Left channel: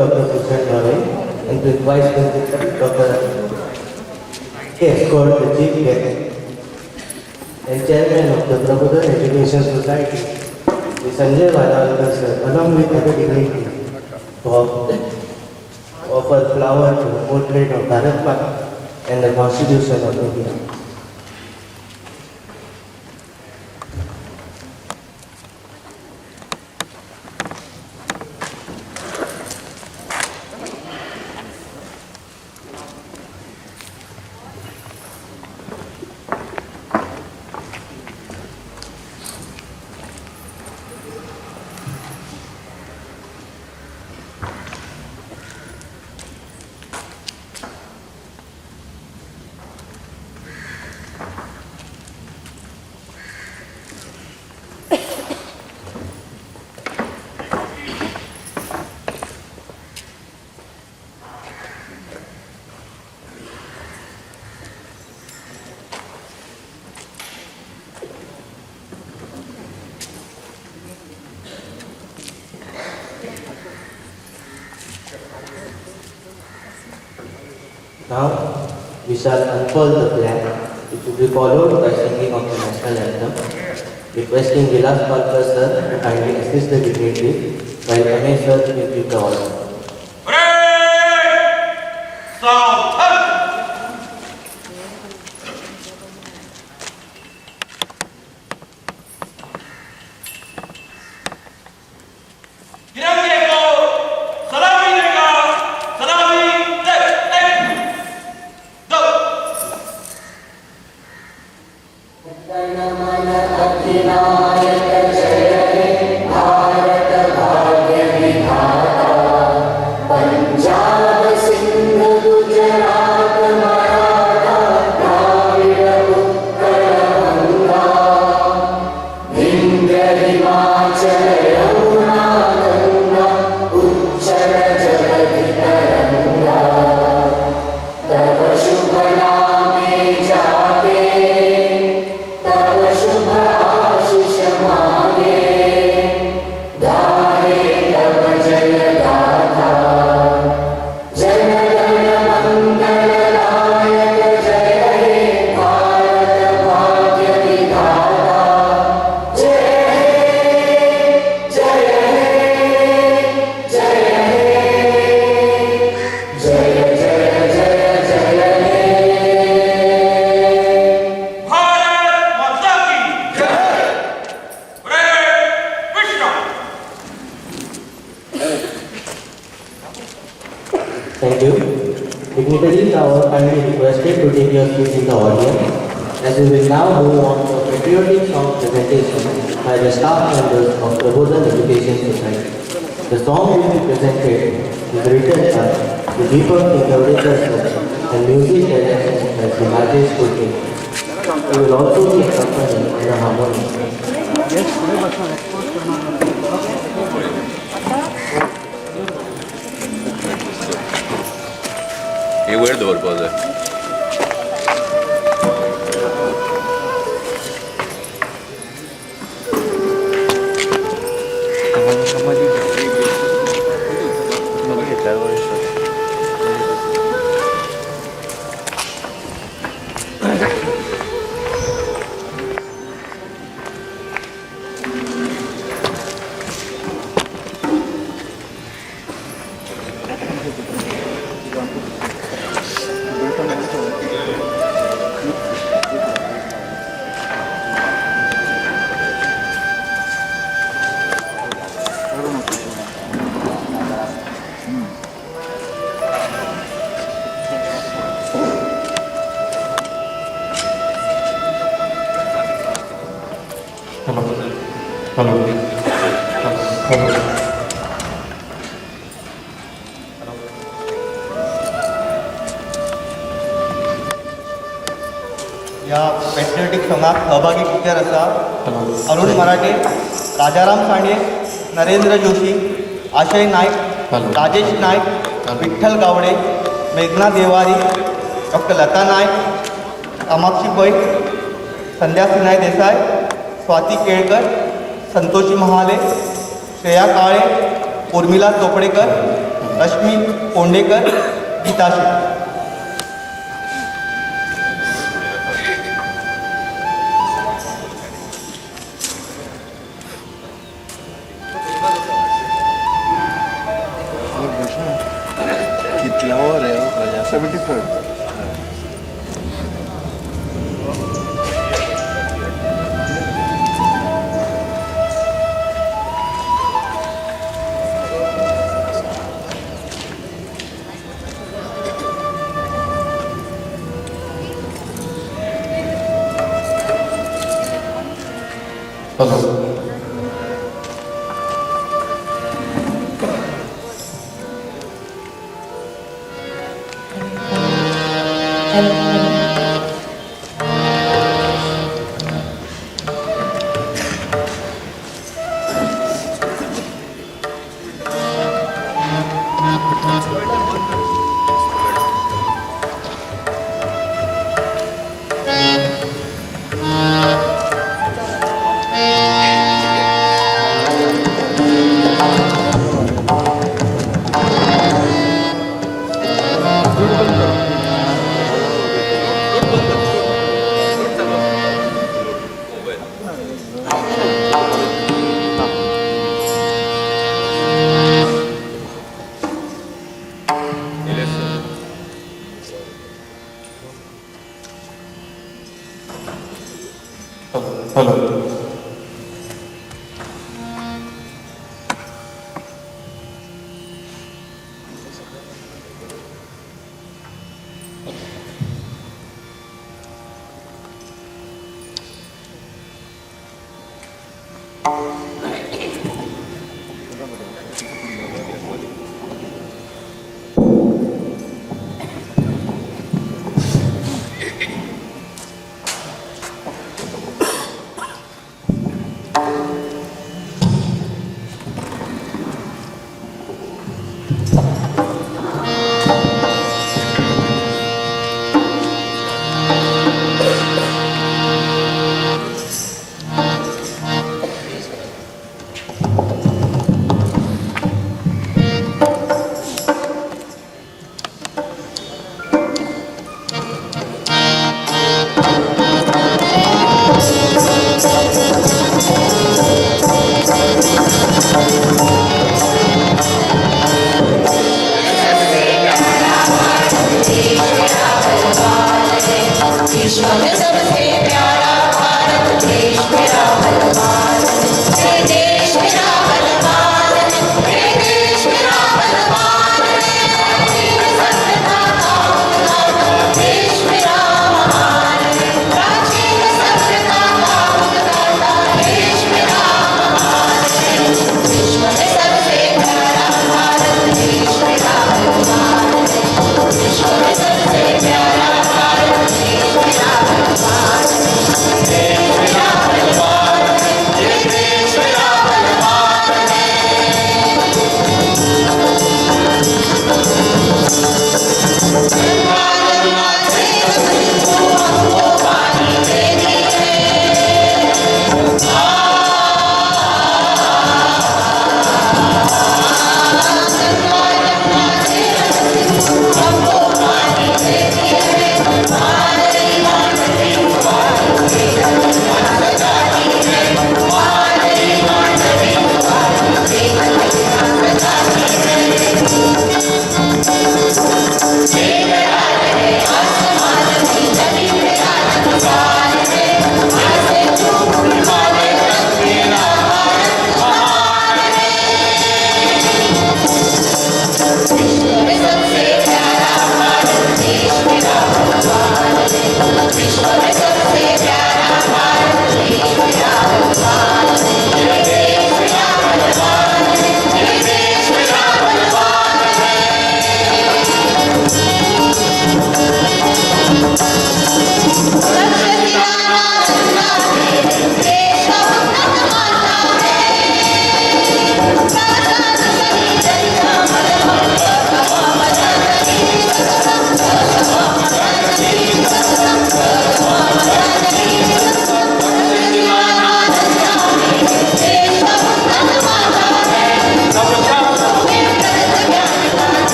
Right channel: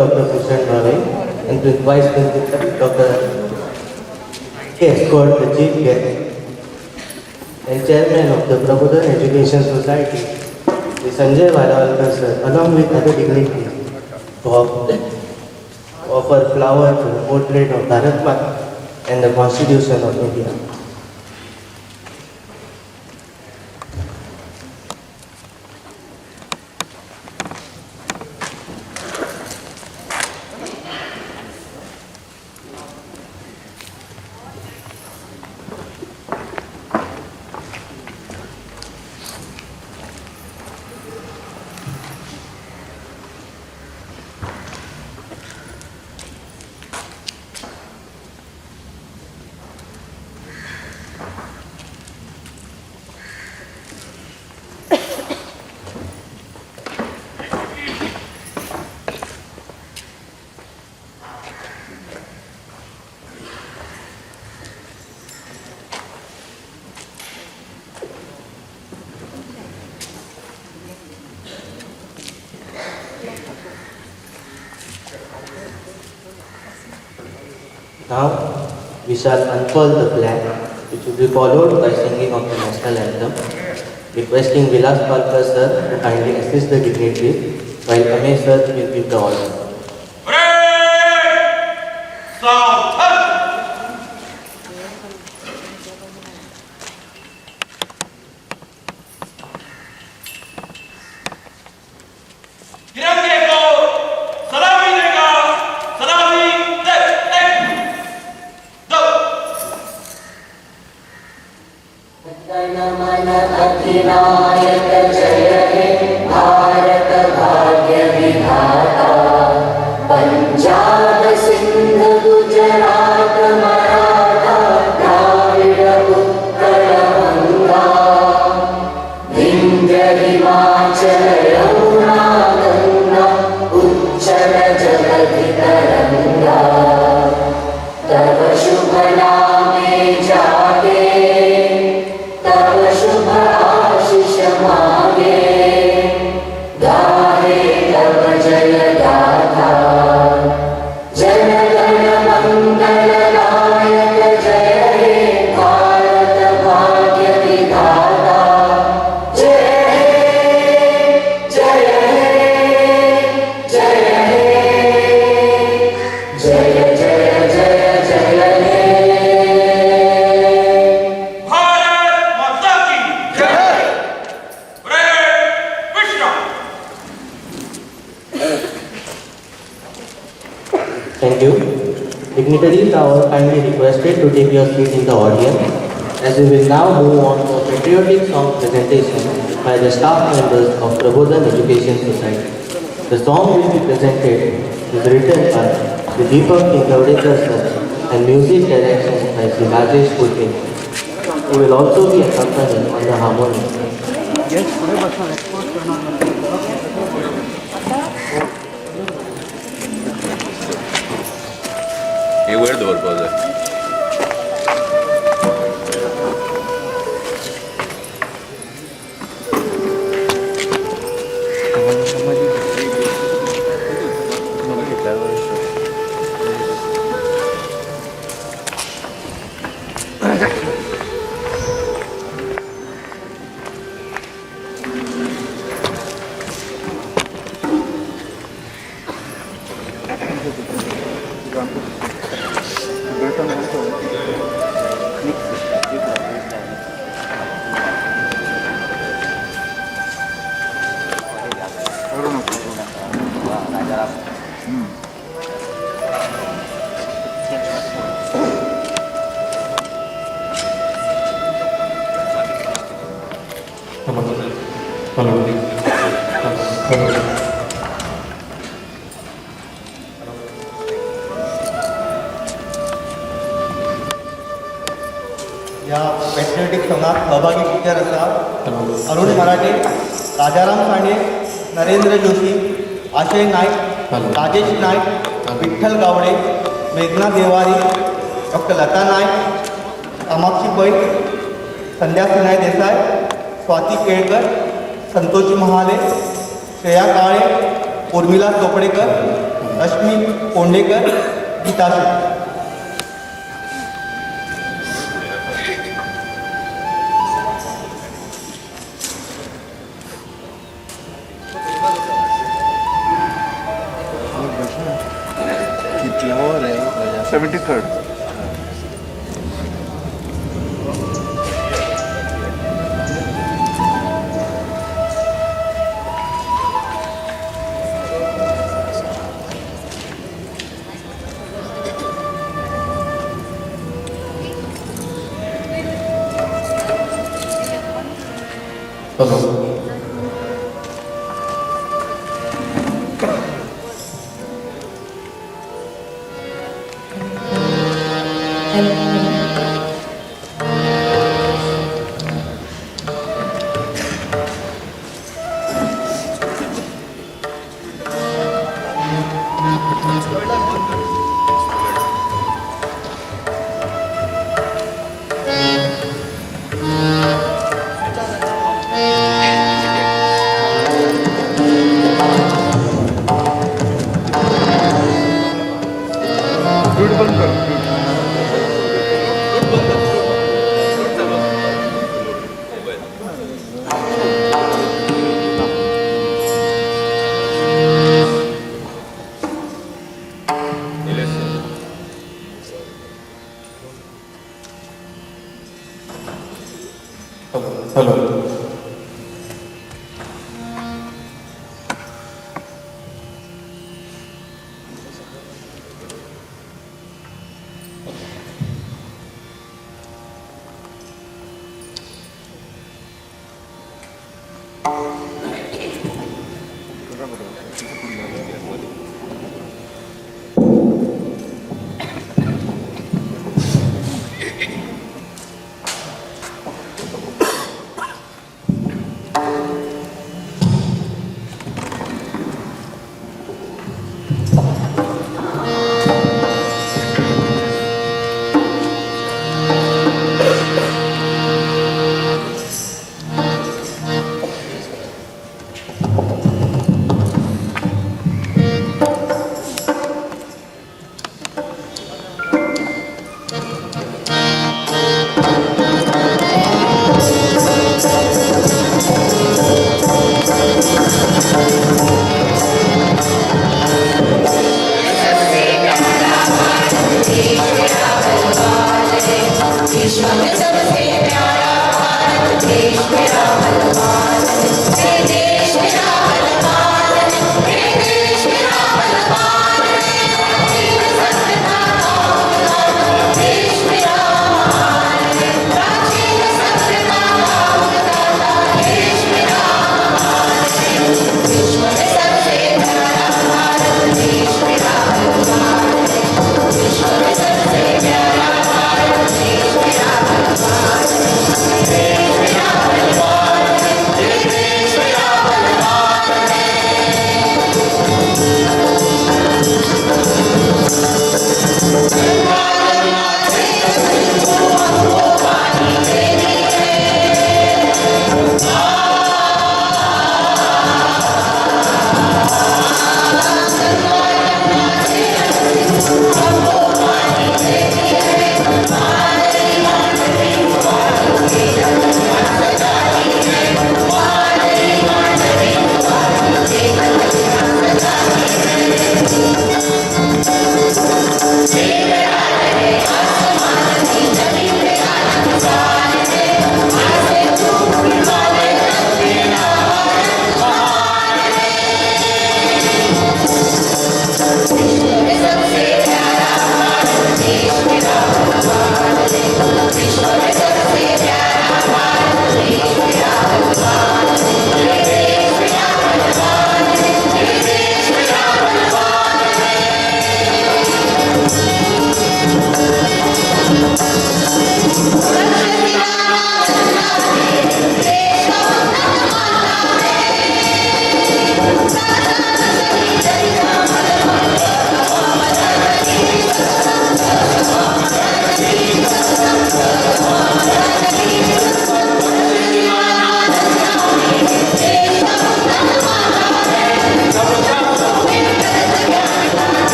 Dr. Susan Roy and Vice Principal Dr. Escort, the Chief Guest and Chairman of the Prabodhan Education Society, the Sanjay Vadawalkar sir, along with other dignitaries, to offer flower to the portrait of Bharat Mata and the Constitution of India. Now, we shall unfold the flag, which will be followed by singing of the national anthem, requesting Vilas Palkar sir to kindly assist the dignitaries, while Ame sir will give the order. Thank you. Dignitaries are kindly requested to take your seats in the audience, as we will now move on to a patriotic song presentation by the staff members of Prabodhan Education Society. The song will be presented is written by the Deepak Kingaudekar sir and music direction by the Rajesh Kulke. He will also be accompanied on the harmonium. ये word purpose है या patriotic सॉंगाक सहभागी Stitcher आसा अरुण मराठे, राजाराम साणे, नरेंद्र जोशी, आशय नायक, राजेश नायक, विठ्ठल गावडे, मेघना Devari, doctor लता नायक, कामाक्षी पै, संध्या सिन्हाय देसाई, स्वाती केळकर, संतोषी महाले, श्रेया काळे, उर्मिला चोपडेकर, रश्मी पोंडेकर, गीता शेट्टी. कितल्यावर आहे 73rd.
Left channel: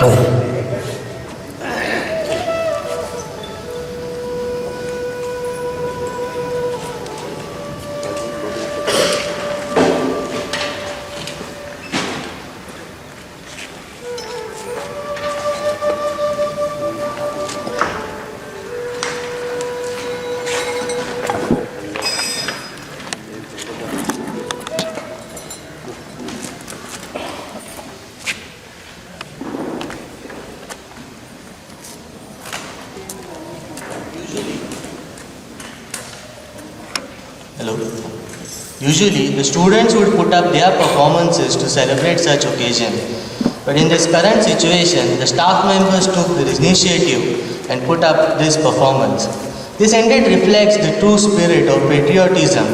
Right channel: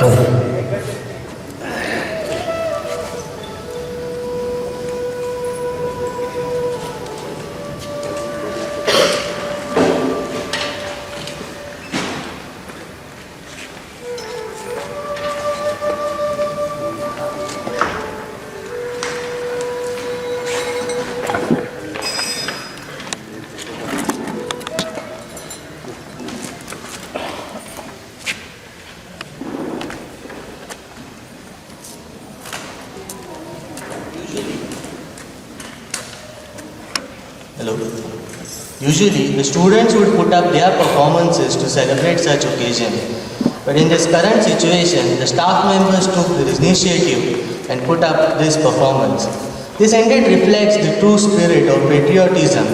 Hello. Usually, the students would put up their performances to celebrate such occasion. But in this current situation, the staff members took the initiative and put up this performance. This indeed reflects the true spirit of patriotism,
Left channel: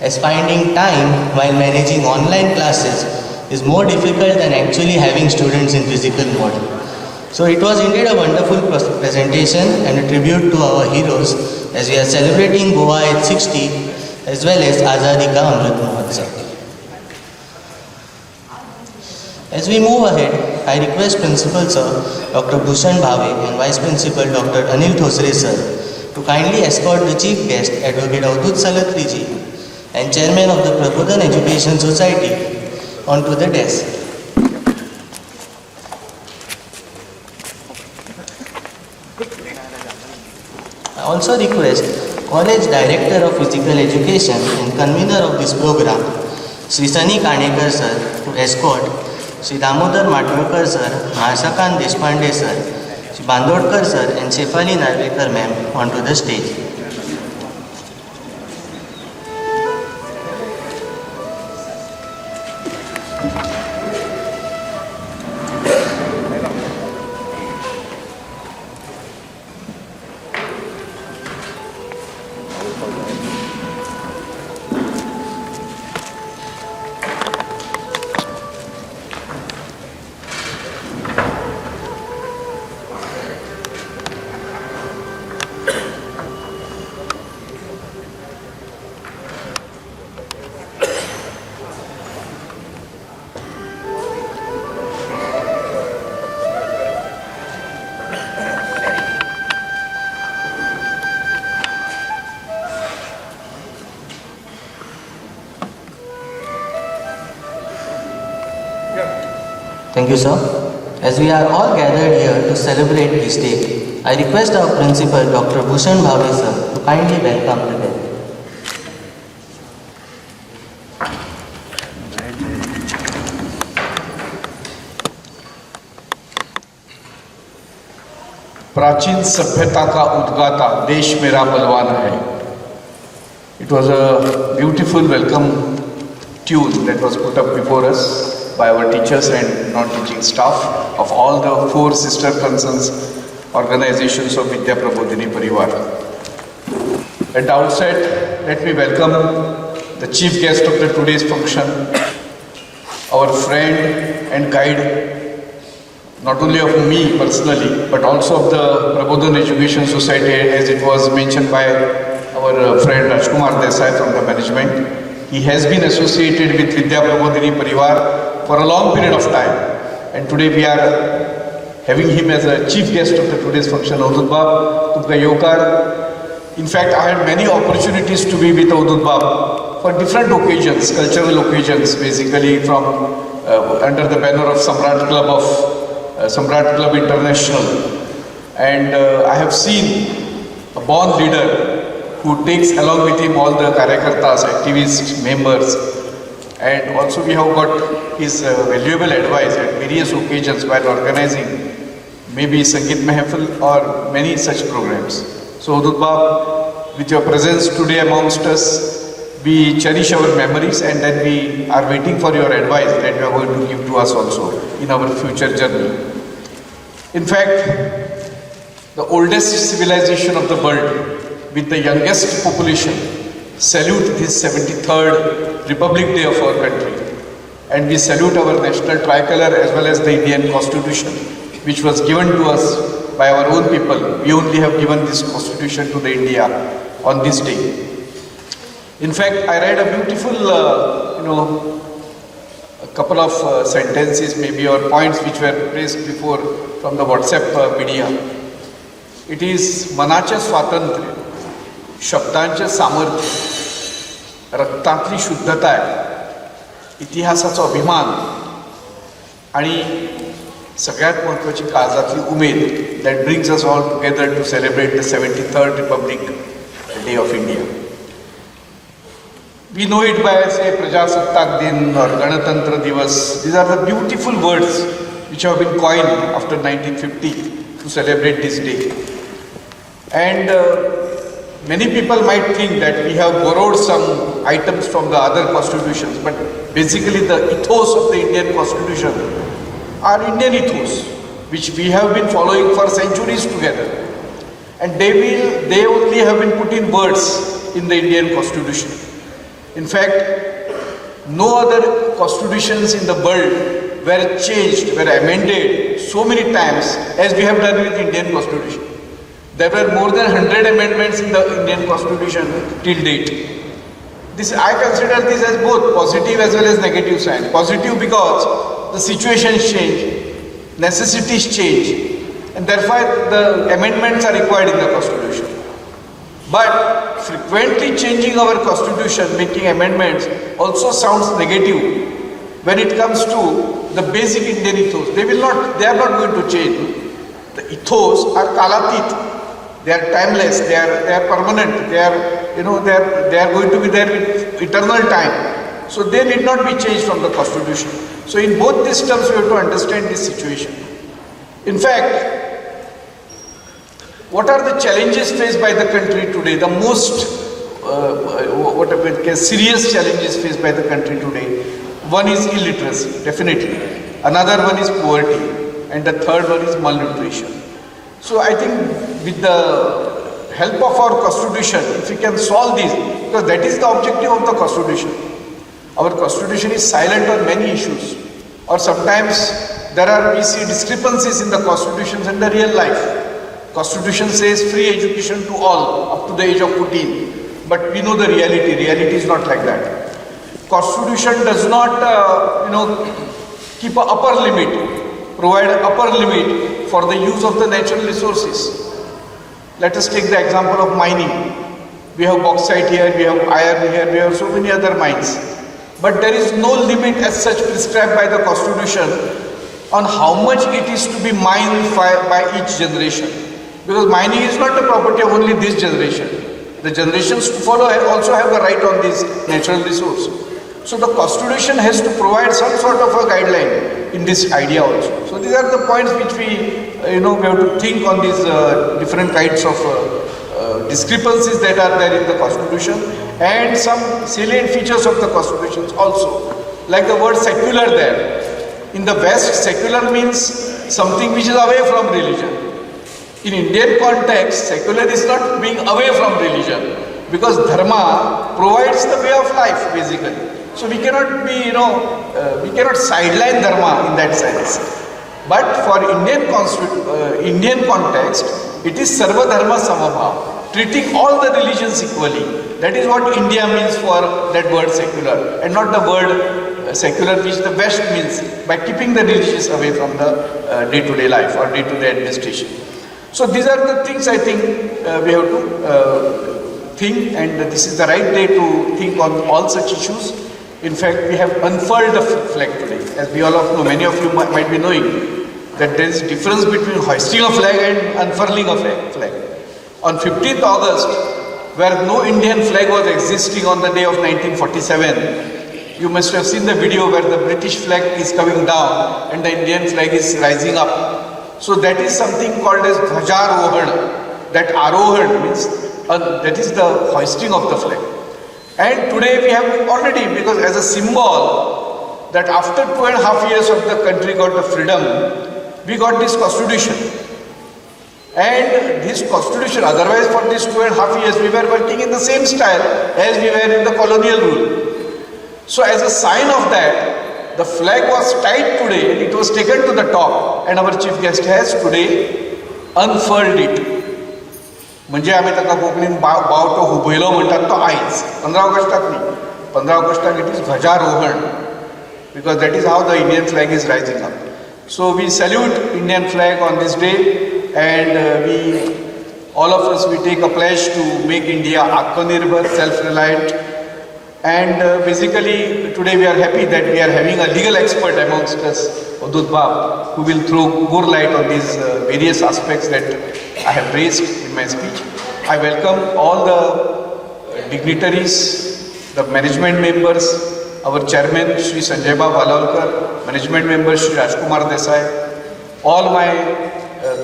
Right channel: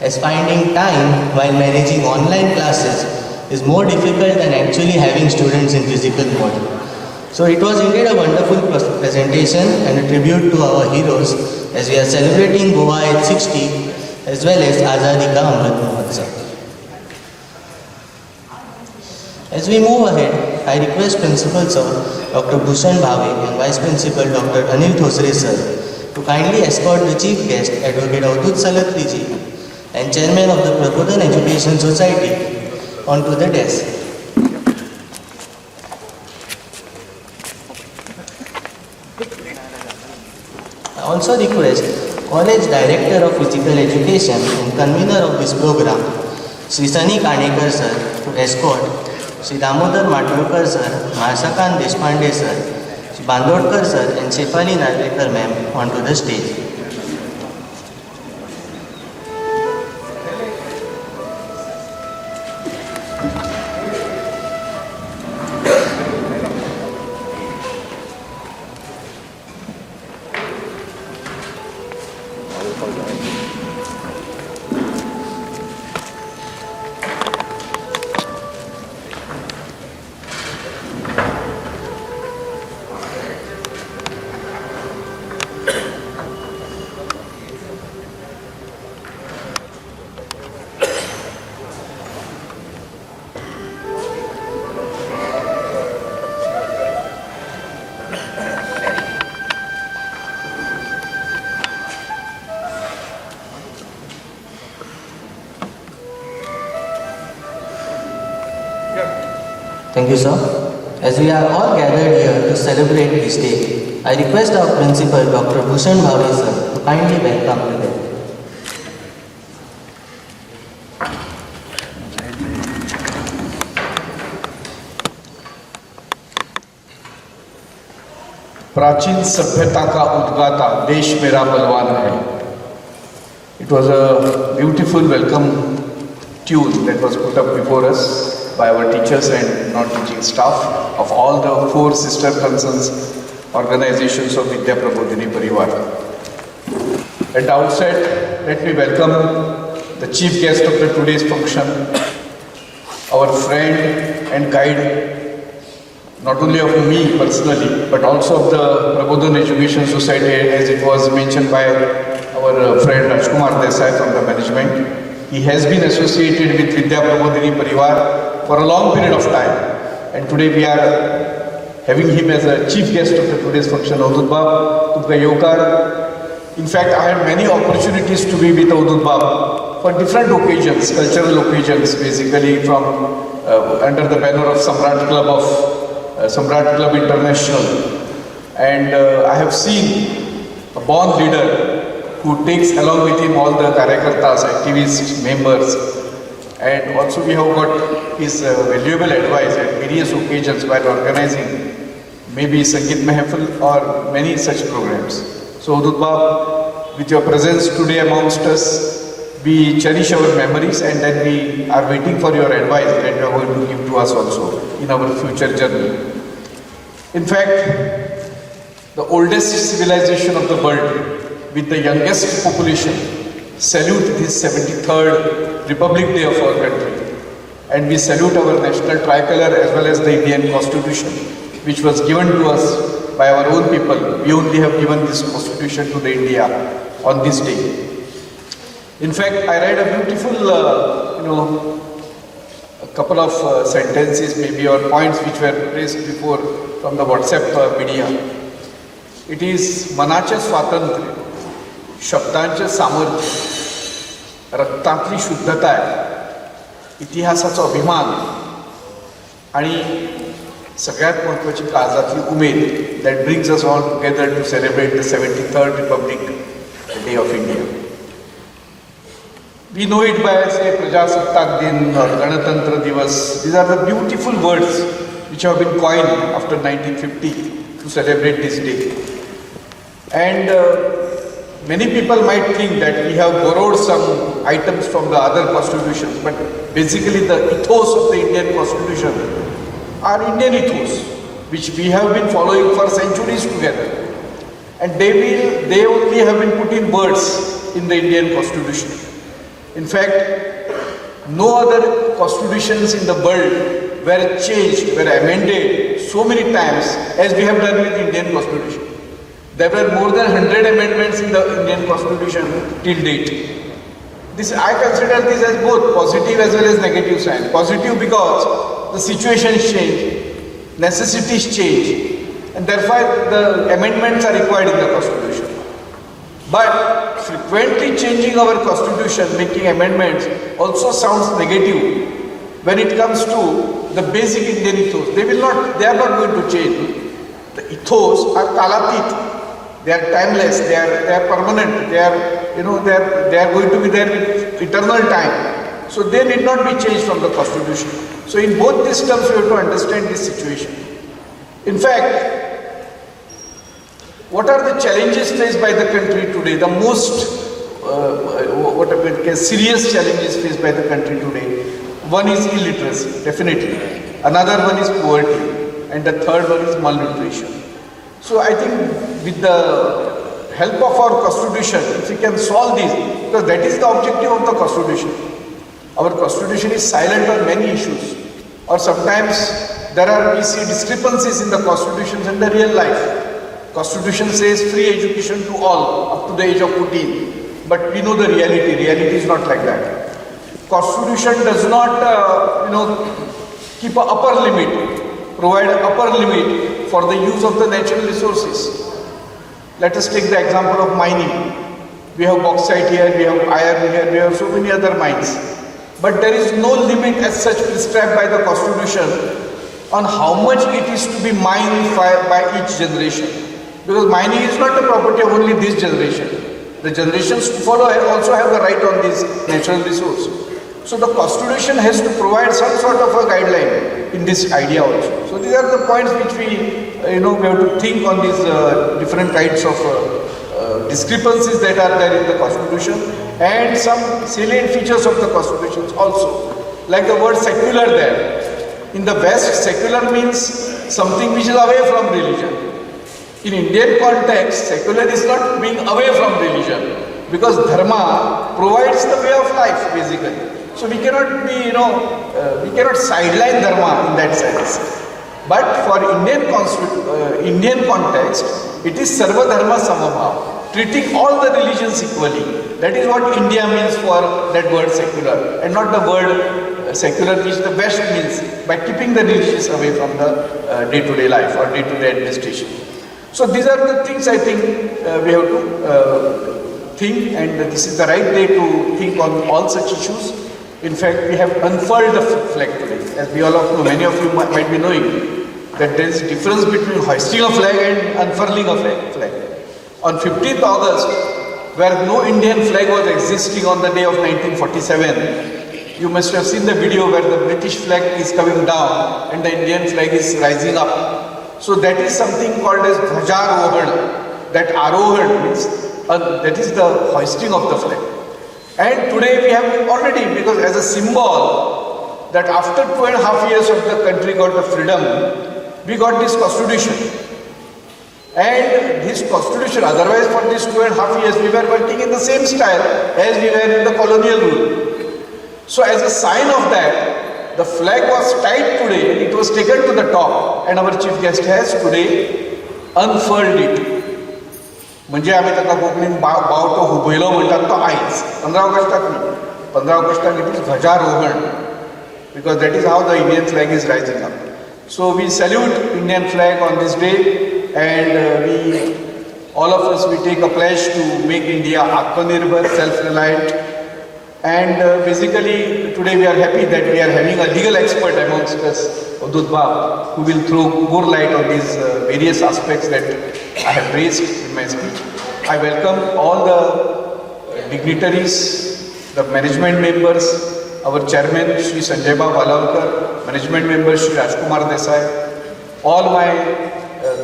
as finding time while managing online classes is more difficult than actually having students in physical mode. So it was indeed a wonderful presentation and a tribute to our heroes as we are celebrating Goa at 60 as well as Azadi Ka Amrit Mahotsav. As we move ahead, I request Principal Sir Dr. Bhushan Bhave and Vice Principal Dr. Anil Thosre Sir to kindly escort the Chief Guest Advocate Avdut Salatri Ji and Chairman of the Prabodhan Education Society onto the desk. I also request College Director of Physical Education and convener of this program, Sri Sunny Kanekar Sir, to escort Sri Damodar Matwekar Sir, Mahasakan Deshpande Sir, Sri Bandodkar Sir and Shefali Narvekar Ma'am onto the stage. Thank you, sir. As we are all gathered here to celebrate this day, I request our principal, Dr. Bhushan Bhave sir, to kindly welcome the guest. प्राचीन सभ्यता का उद्गाता देश मेरा बलवान है. It was a beautiful welcome tune that was put up before us by our teachers and non-teaching staff of all the 4 sister concerns organizations of Vidya Prabodhini Parivar. At the outset, let me welcome the chief guest of the today's function, our friend and guide, not only of me personally, but also of the Prabodhan Education Society, as it was mentioned by our friend Rajkumar Desai from the management. He has been associated with Vidya Prabodhini Parivar for a long period of time, and today we are having him as a chief guest of the today's function. Avdut Bab, Tumka Yokar. In fact, I had many opportunities to be with Avdut Bab for different occasions, cultural occasions, basically from under the banner of Samrat Club International, and I have seen a born leader who takes along with him all the karyakartas, activists, members, and also we have got his valuable advice at various occasions while organizing maybe Sangeet Mehfil or many such programs. So Avdut Bab, with your presence today amongst us, we cherish our memories and then we are waiting for your advice that you are going to give to us also in our future journey. In fact, the oldest civilization of the world with the youngest population salute this 73rd Republic Day of our country, and we salute our national tricolor as well as the Indian Constitution, which was given to us by our own people. We only have given this Constitution to the India on this day. In fact, I read a beautiful couple of sentences maybe or points which were raised before from the WhatsApp media. It is मनाचे स्वातंत्र्य, शब्दांचे सामर्थ्य, रक्तातली शुद्धता, इतिहासाचा अभिमान आणि सगळ्यात महत्त्वाची काळजातली Umed that brings us all together to celebrate the 73rd Republic Day of India. We know it by say Prajasatak Din or Ganatantra Divas. These are the beautiful words which have been coined after 1950 to celebrate this day. And many people might think that we have borrowed some items from the other constitutions, but basically the ethos of the Indian constitution are Indian ethos, which we have been following for centuries together. And they only have been put in words in the Indian constitution. In fact, no other constitutions in the world were changed, were amended so many times as we have done with Indian constitution. There were more than 100 amendments in the Indian constitution till date. I consider this as both positive as well as negative sign. Positive because the situations change, necessities change, and therefore the amendments are required in the constitution. But frequently changing our constitution, making amendments also sounds negative when it comes to the basic Indian ethos. They are not going to change. The ethos are kalatit. They are timeless, they are permanent, they are going to be there with eternal time. So they need not be changed from the constitution. So in both these terms we have to understand this situation. In fact, what are the challenges faced by the country today? The most serious challenges faced by the country today. One is illiteracy, definitely. Another one is poverty, and the third one is malnutrition. So I think with the help of our constitution, if we can solve this, because that is the objective of the constitution. Our constitution is silent on many issues, or sometimes we see discrepancies in the constitutions and the real life. Constitution says free education to all up to the age of 14, but we know the reality. Reality is not like that. Constitution does not, keep an upper limit, provide an upper limit for the use of the natural resources. Let us take the example of mining. We have bauxite here, we have iron here, we have so many other mines. But there is no limit as such prescribed by the constitution on how much it is to be mined by each generation. Because mining is not the property of only this generation. The generations to follow also have the right on this natural resource. So the constitution has to provide some sort of a guideline in this idea also. So these are the points which we have to think on these different kinds of discrepancies that are there in the constitution, and some salient features of the constitutions also. Like the word secular there. In the West, secular means something which is away from religion. In Indian context, secular is not being away from religion, because dharma provides the way of life basically. So we cannot be, we cannot sideline dharma in that sense. But for Indian context, it is sarva dharma samabhav, treating all the religions equally. That is what India means for that word secular, and not the word secular which the West means by keeping the religious away from the day-to-day life or day-to-day administration. So these are the things I think we have to think, and this is the right day to think on all such issues. In fact, we have unfurled the flag today. As we all know, many of you might be knowing that there is a difference between hoisting a flag and unfurling a flag. On 15th August, where no Indian flag was existing on the day of 1947, you must have seen the video where the British flag is coming down and the Indian flag is rising up. So that is something called as Dhwajarohan. That Arohan means that is the hoisting of the flag. And today we have already, because as a symbol that after 2.5 years of the country got the freedom, we got this constitution. And this constitution, otherwise for these 2.5 years we were working in the same style as we were in the colonial rule. So as a sign of that, the flag was tied today and it was taken to the top, and our chief guest has today unfurled it. म्हणजे आम्ही ताका कोंकणीन बावटो हुबयलो म्हणटात तो आयज 15 ऑगस्टाक न्ही, 15 ऑगस्टाक इट इज ध्वजारोहण. because that is how the Indian flag is rising up. So we salute Indian flag on this day, and all of us, we take a pledge to make India Atmanirbhar, self-reliant. And basically today we are happy that we are having a legal expert amongst us, Avdut Bab, who will throw more light on these various aspects that I have raised in my speech. I welcome all the dignitaries, the management members, our chairman Shri Sanjay Bab Valalkar, management member Shri Rajkumar Desai, all my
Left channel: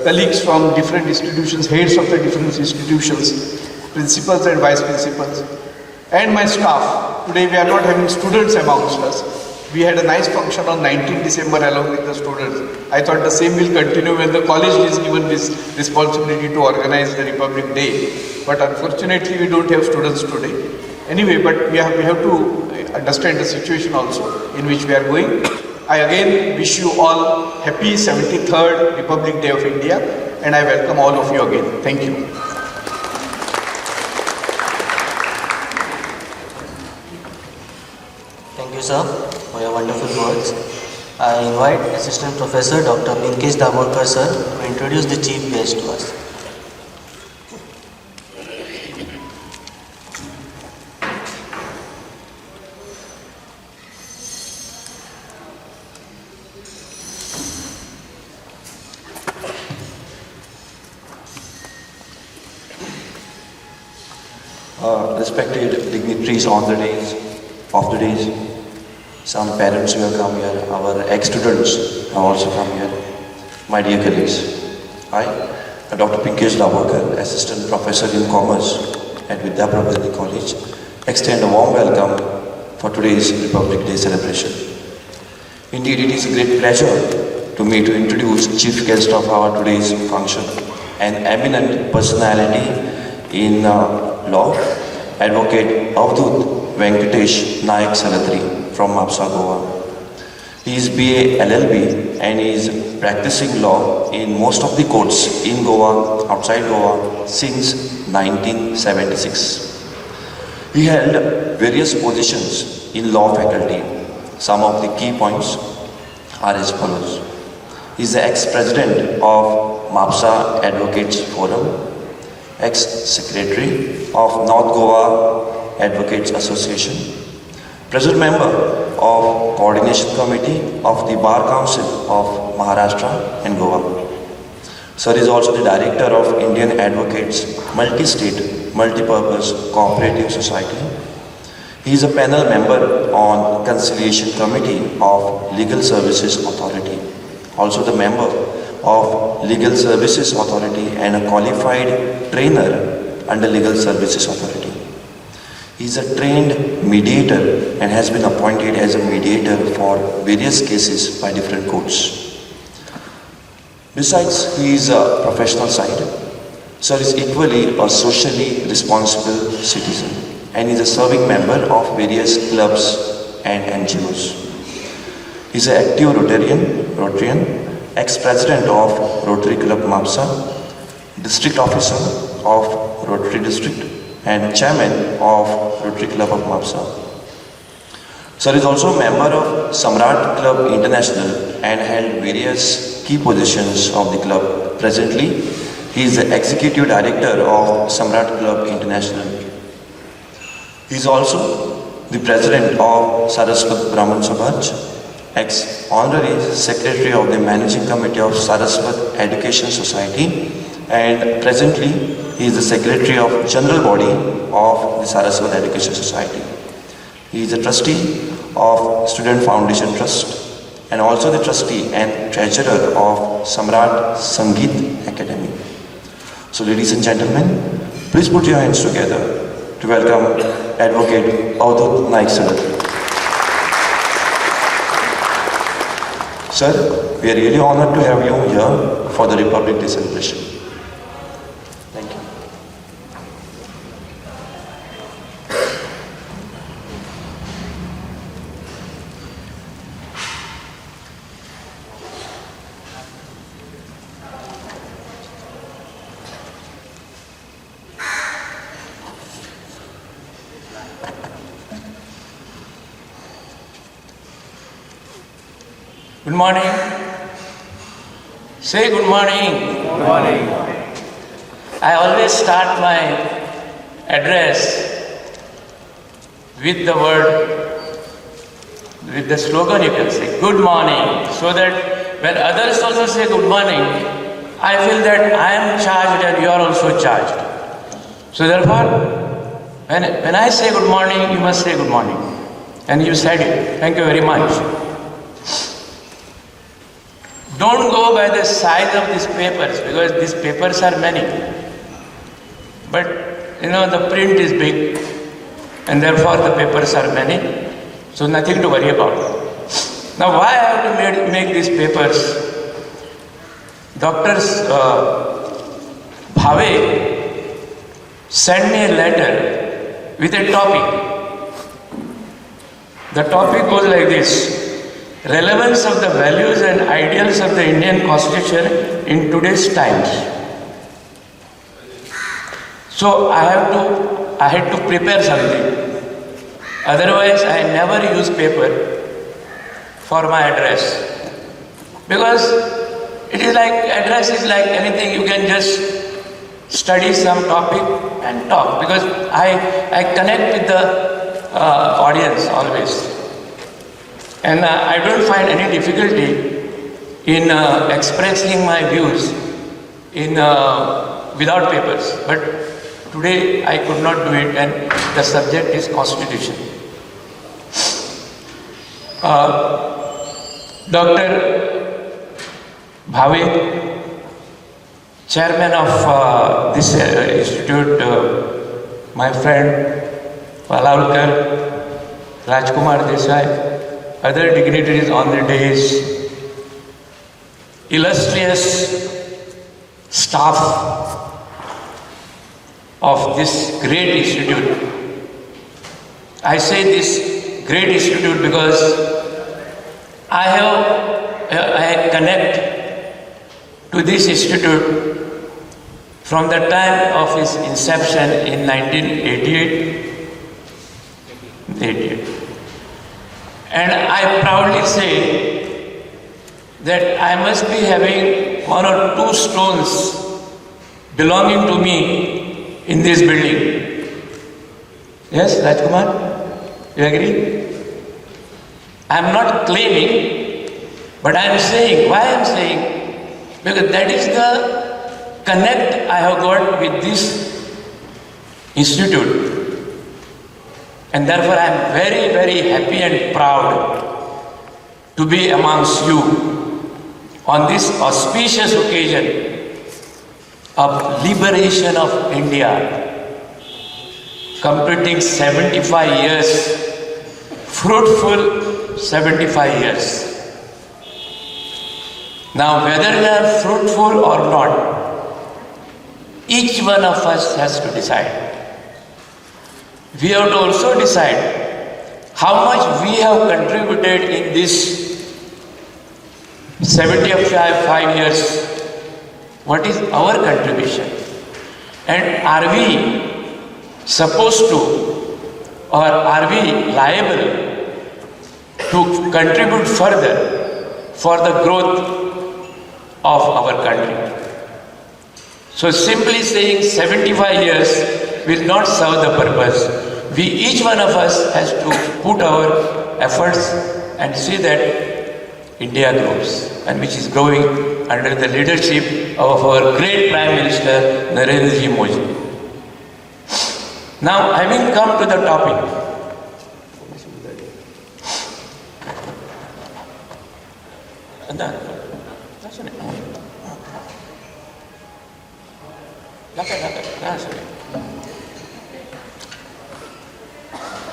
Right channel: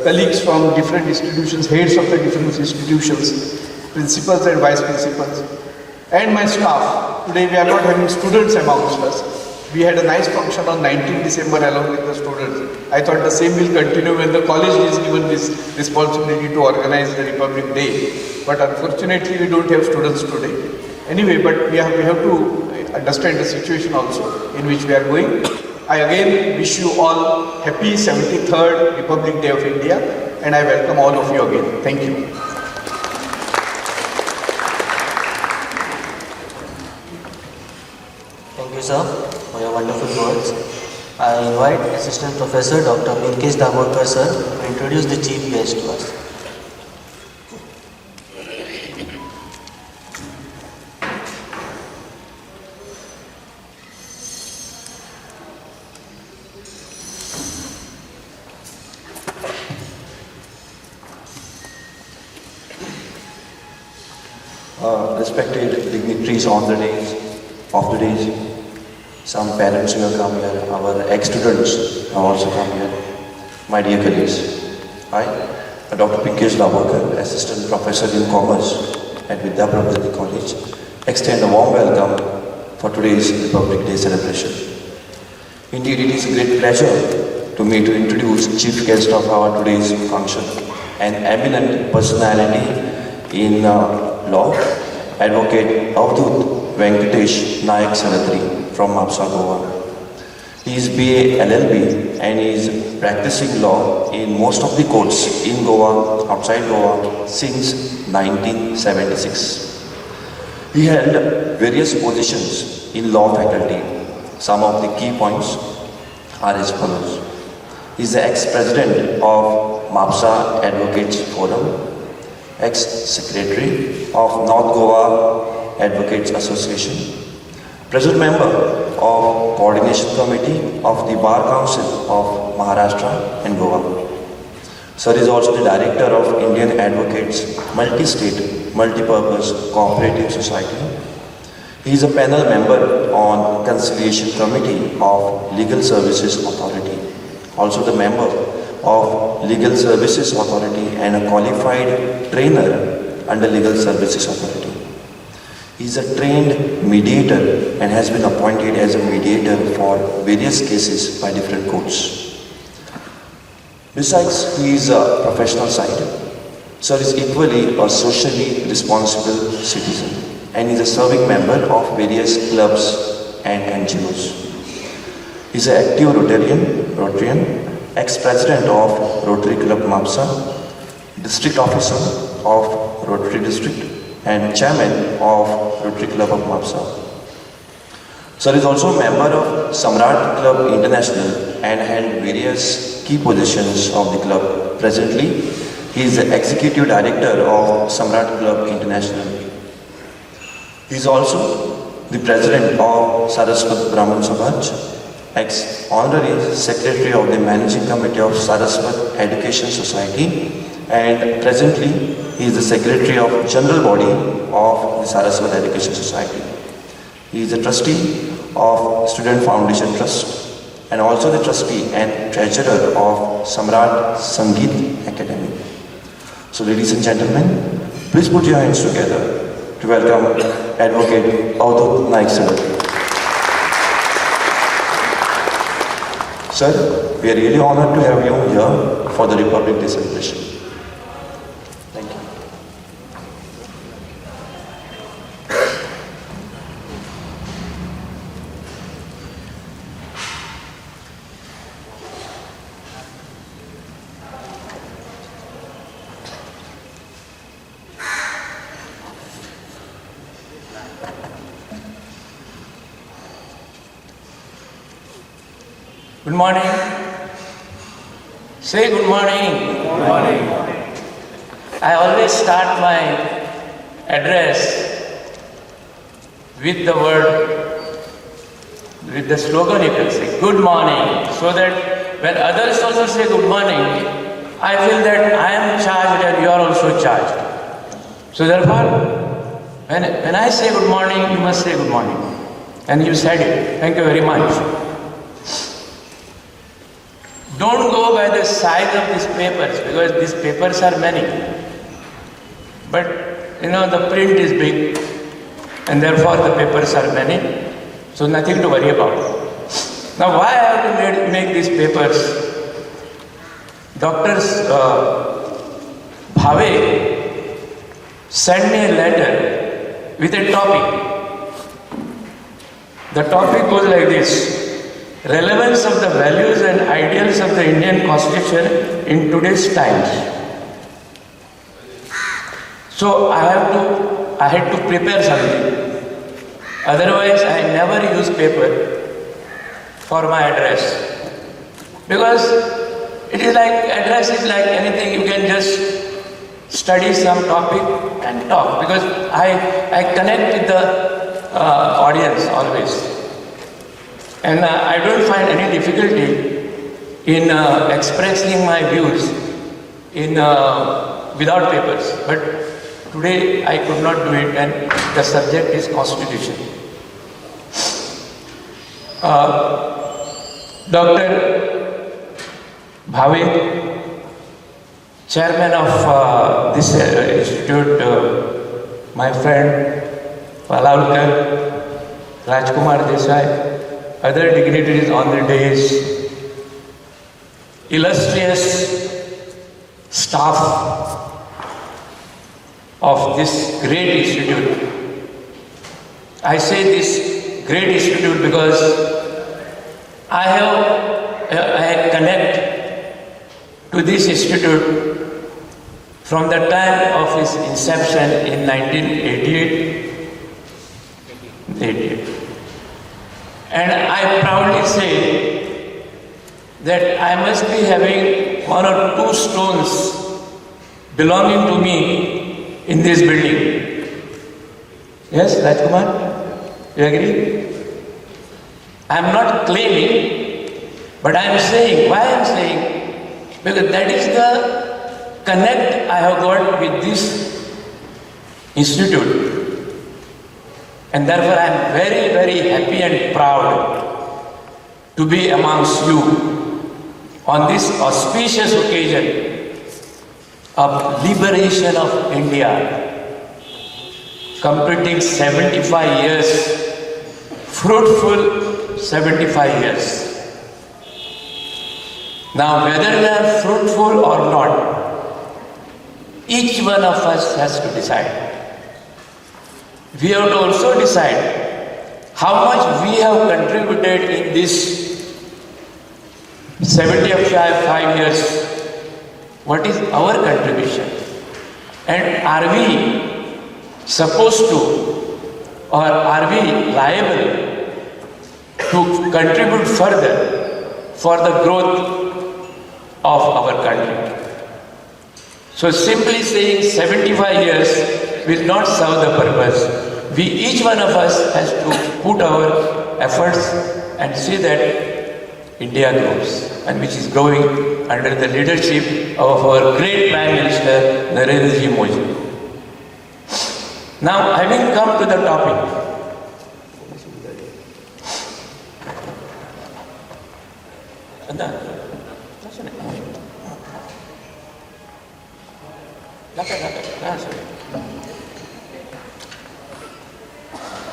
colleagues from different institutions, heads of the different institutions, principals and vice principals, and my staff. Today we are not having students amongst us. We had a nice function on 19 December along with the students. I thought the same will continue when the college is given this responsibility to organize the Republic Day. But unfortunately we don't have students today. Anyway, but we have to understand the situation also in which we are going. I again wish you all happy 73rd Republic Day of India, and I welcome all of you again. Thank you. Thank you, sir, for your wonderful words. I invite Assistant Professor Dr. Pinkesh Daborkar, sir, to introduce the chief guest to us. Respected dignitaries on the days, of the days, some parents who have come here, our ex-students have also come here, my dear colleagues. I, Dr. Pinkesh Daborkar, Assistant Professor in Commerce at Vidyaprabodhini College, extend a warm welcome for today's Republic Day celebration. Indeed, it is a great pleasure to me to introduce chief guest of our today's function, an eminent personality in law, Advocate Avdut Venkatesh Nayak Saratri from Mapsa, Goa. He is BA LLB and is practicing law in most of the courts in Goa, outside Goa, since 1976. He held various positions in law faculty. Some of the key points are as follows. He is the ex-president of Mapsa Advocates Forum, ex-secretary of North Goa Advocates Association, present member of Coordination Committee of the Bar Council of Maharashtra and Goa. Sir is also the director of Indian Advocates Multi-State Multi-Purpose Cooperative Society. He is a panel member on Conciliation Committee of Legal Services Authority, also the member of Legal Services Authority and a qualified trainer under Legal Services Authority. He is a trained mediator and has been appointed as a mediator for various cases by different courts. Besides his professional side, Sir is equally a socially responsible citizen and is a serving member of various clubs and NGOs. He is an active Rotarian, ex-president of Rotary Club Mapsa, district officer of Rotary District and chairman of Rotary Club of Mapsa. Sir is also a member of Samrat Club International and held various key positions of the club. Presently, he is the executive director of Samrat Club International. He is also the president of Saraswat Brahman Sabhaj, ex-honorary secretary of the managing committee of Saraswat Education Society, and presently he is the secretary of general body of the Saraswat Education Society. He is a trustee of Student Foundation Trust and also the trustee and treasurer of Samrat Sangeet Academy. So ladies and gentlemen, please put your hands together to welcome Advocate Avdut Nayak Saratri. Sir, we are really honored to have you here for the Republic Day celebration. Thank you. Good morning. Say good morning. Good morning. I always start my address with the word, with the slogan you can say, good morning, so that when others also say good morning, I feel that I am charged and you are also charged. So therefore, when I say good morning, you must say good morning. And you said it. Thank you very much. Don't go by the size of these papers, because these papers are many. But the print is big, and therefore the papers are many. So nothing to worry about. Now why I have to make these papers? Dr. Bhave sent me a letter with a topic. The topic goes like this: relevance of the values and ideals of the Indian Constitution in today's times. So I had to prepare something. Otherwise, I never use paper for my address. Because it is like, address is like anything, you can just study some topic and talk. Because I connect with the audience always. And I don't find any difficulty in expressing my views without papers. But today I could not do it, and the subject is Constitution. Dr. Bhave, chairman of this institute, my friend Palalkar, Rajkumar Desai, other dignitaries on the days, illustrious staff of this great institute. I say this great institute because I connect to this institute from the time of its inception in 1988. And I proudly say that I must be having 1 or 2 stones belonging to me in this building. Yes, Rajkumar? You agree? I am not claiming, but I am saying. Why I am saying? Because that is the connect I have got with this institute. And therefore I am very, very happy and proud to be amongst you on this auspicious occasion of liberation of India, completing 75 years, fruitful 75 years. Now, whether they are fruitful or not, each one of us has to decide. We have to also decide how much we have contributed in this 75 years. What is our contribution? And are we supposed to, or are we liable to contribute further for the growth of our country? So simply saying 75 years will not serve the purpose. Each one of us has to put our efforts and see that India grows, and which is growing under the leadership of our great Prime Minister Narendra Modi. Now, having come to the topic,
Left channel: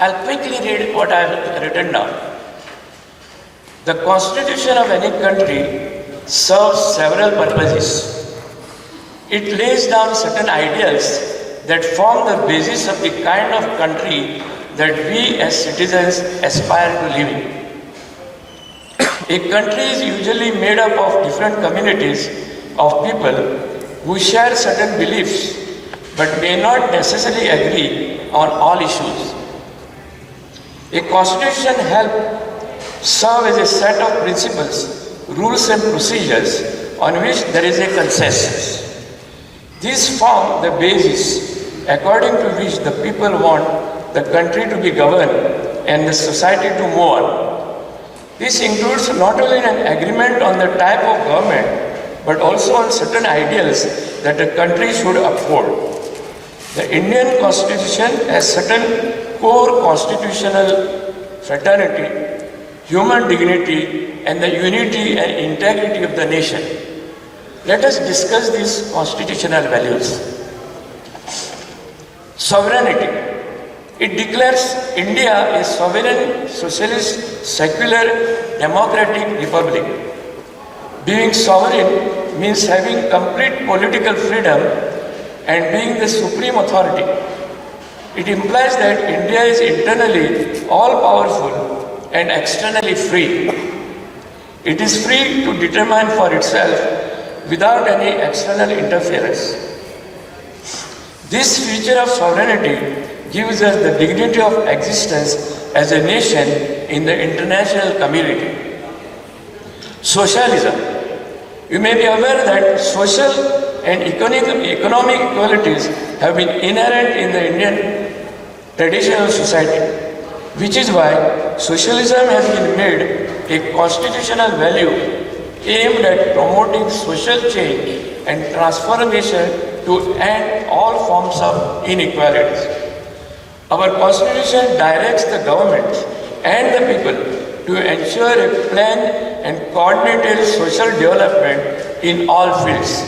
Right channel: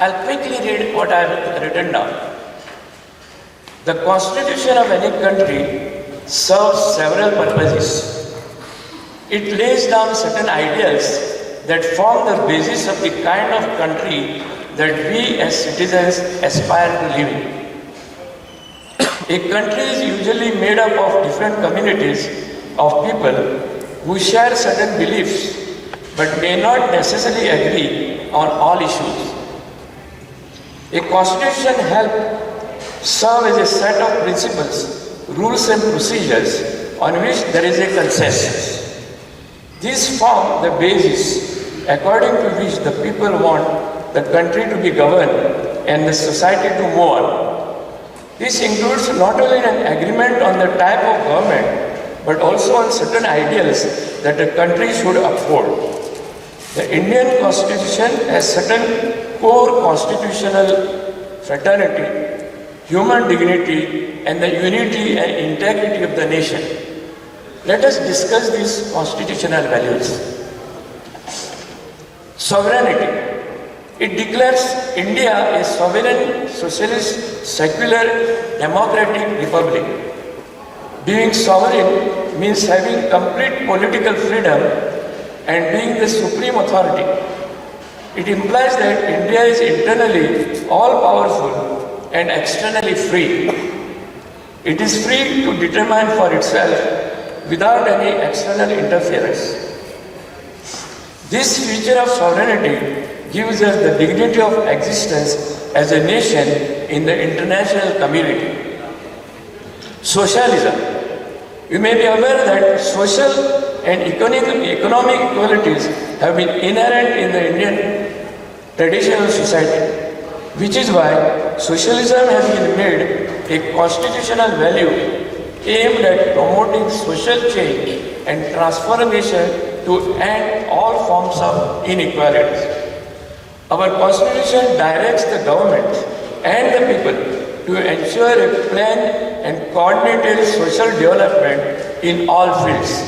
I'll quickly read what I have written down. The constitution of any country serves several purposes. It lays down certain ideals that form the basis of the kind of country that we as citizens aspire to live in. A country is usually made up of different communities of people who share certain beliefs but may not necessarily agree on all issues. A constitution helps serve as a set of principles rules and procedures on which there is a consensus. These form the basis according to which the people want the country to be governed and the society to move on. This includes not only an agreement on the type of government, but also on certain ideals that a country should uphold. The Indian Constitution has certain core constitutional fraternity, human dignity, and the unity and integrity of the nation. Let us discuss these constitutional values. Sovereignty. It declares India a sovereign, socialist, secular, democratic republic. Being sovereign means having complete political freedom and being the supreme authority. It implies that India is internally all-powerful and externally free. It is free to determine for itself without any external interference. This feature of sovereignty gives us the dignity of existence as a nation in the international community. Socialism. You may be aware that social and economic equalities have been inherent in the Indian traditional society, which is why socialism has been made a constitutional value aimed at promoting social change and transformation to end all forms of inequalities. Our constitution directs the government and the people to ensure a planned and coordinated social development in all fields.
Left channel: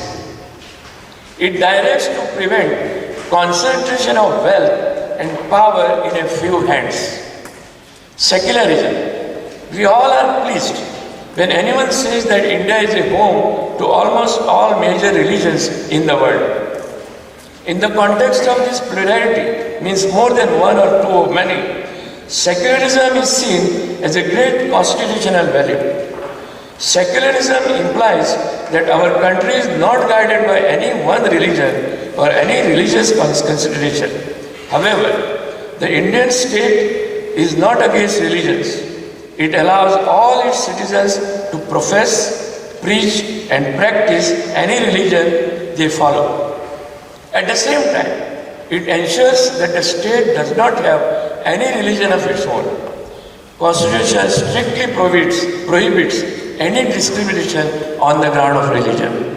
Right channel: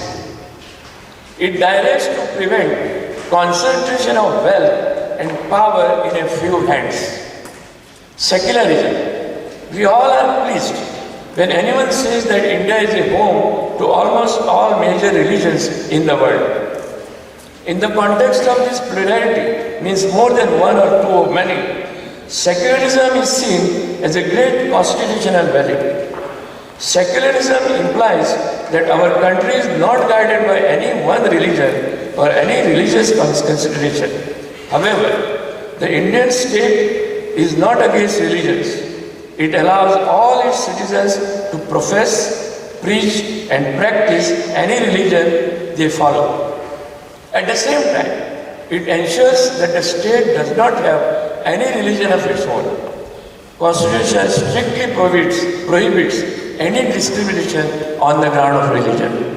It directs to prevent concentration of wealth and power in a few hands. Secularism. We all are pleased when anyone says that India is a home to almost all major religions in the world. In the context of this plurality means more than one or two or many, secularism is seen as a great constitutional value. Secularism implies that our country is not guided by any one religion or any religious consideration. However, the Indian state is not against religions. It allows all its citizens to profess, preach, and practice any religion they follow. At the same time, it ensures that the state does not have any religion of its own. Constitution strictly prohibits any discrimination on the ground of religion.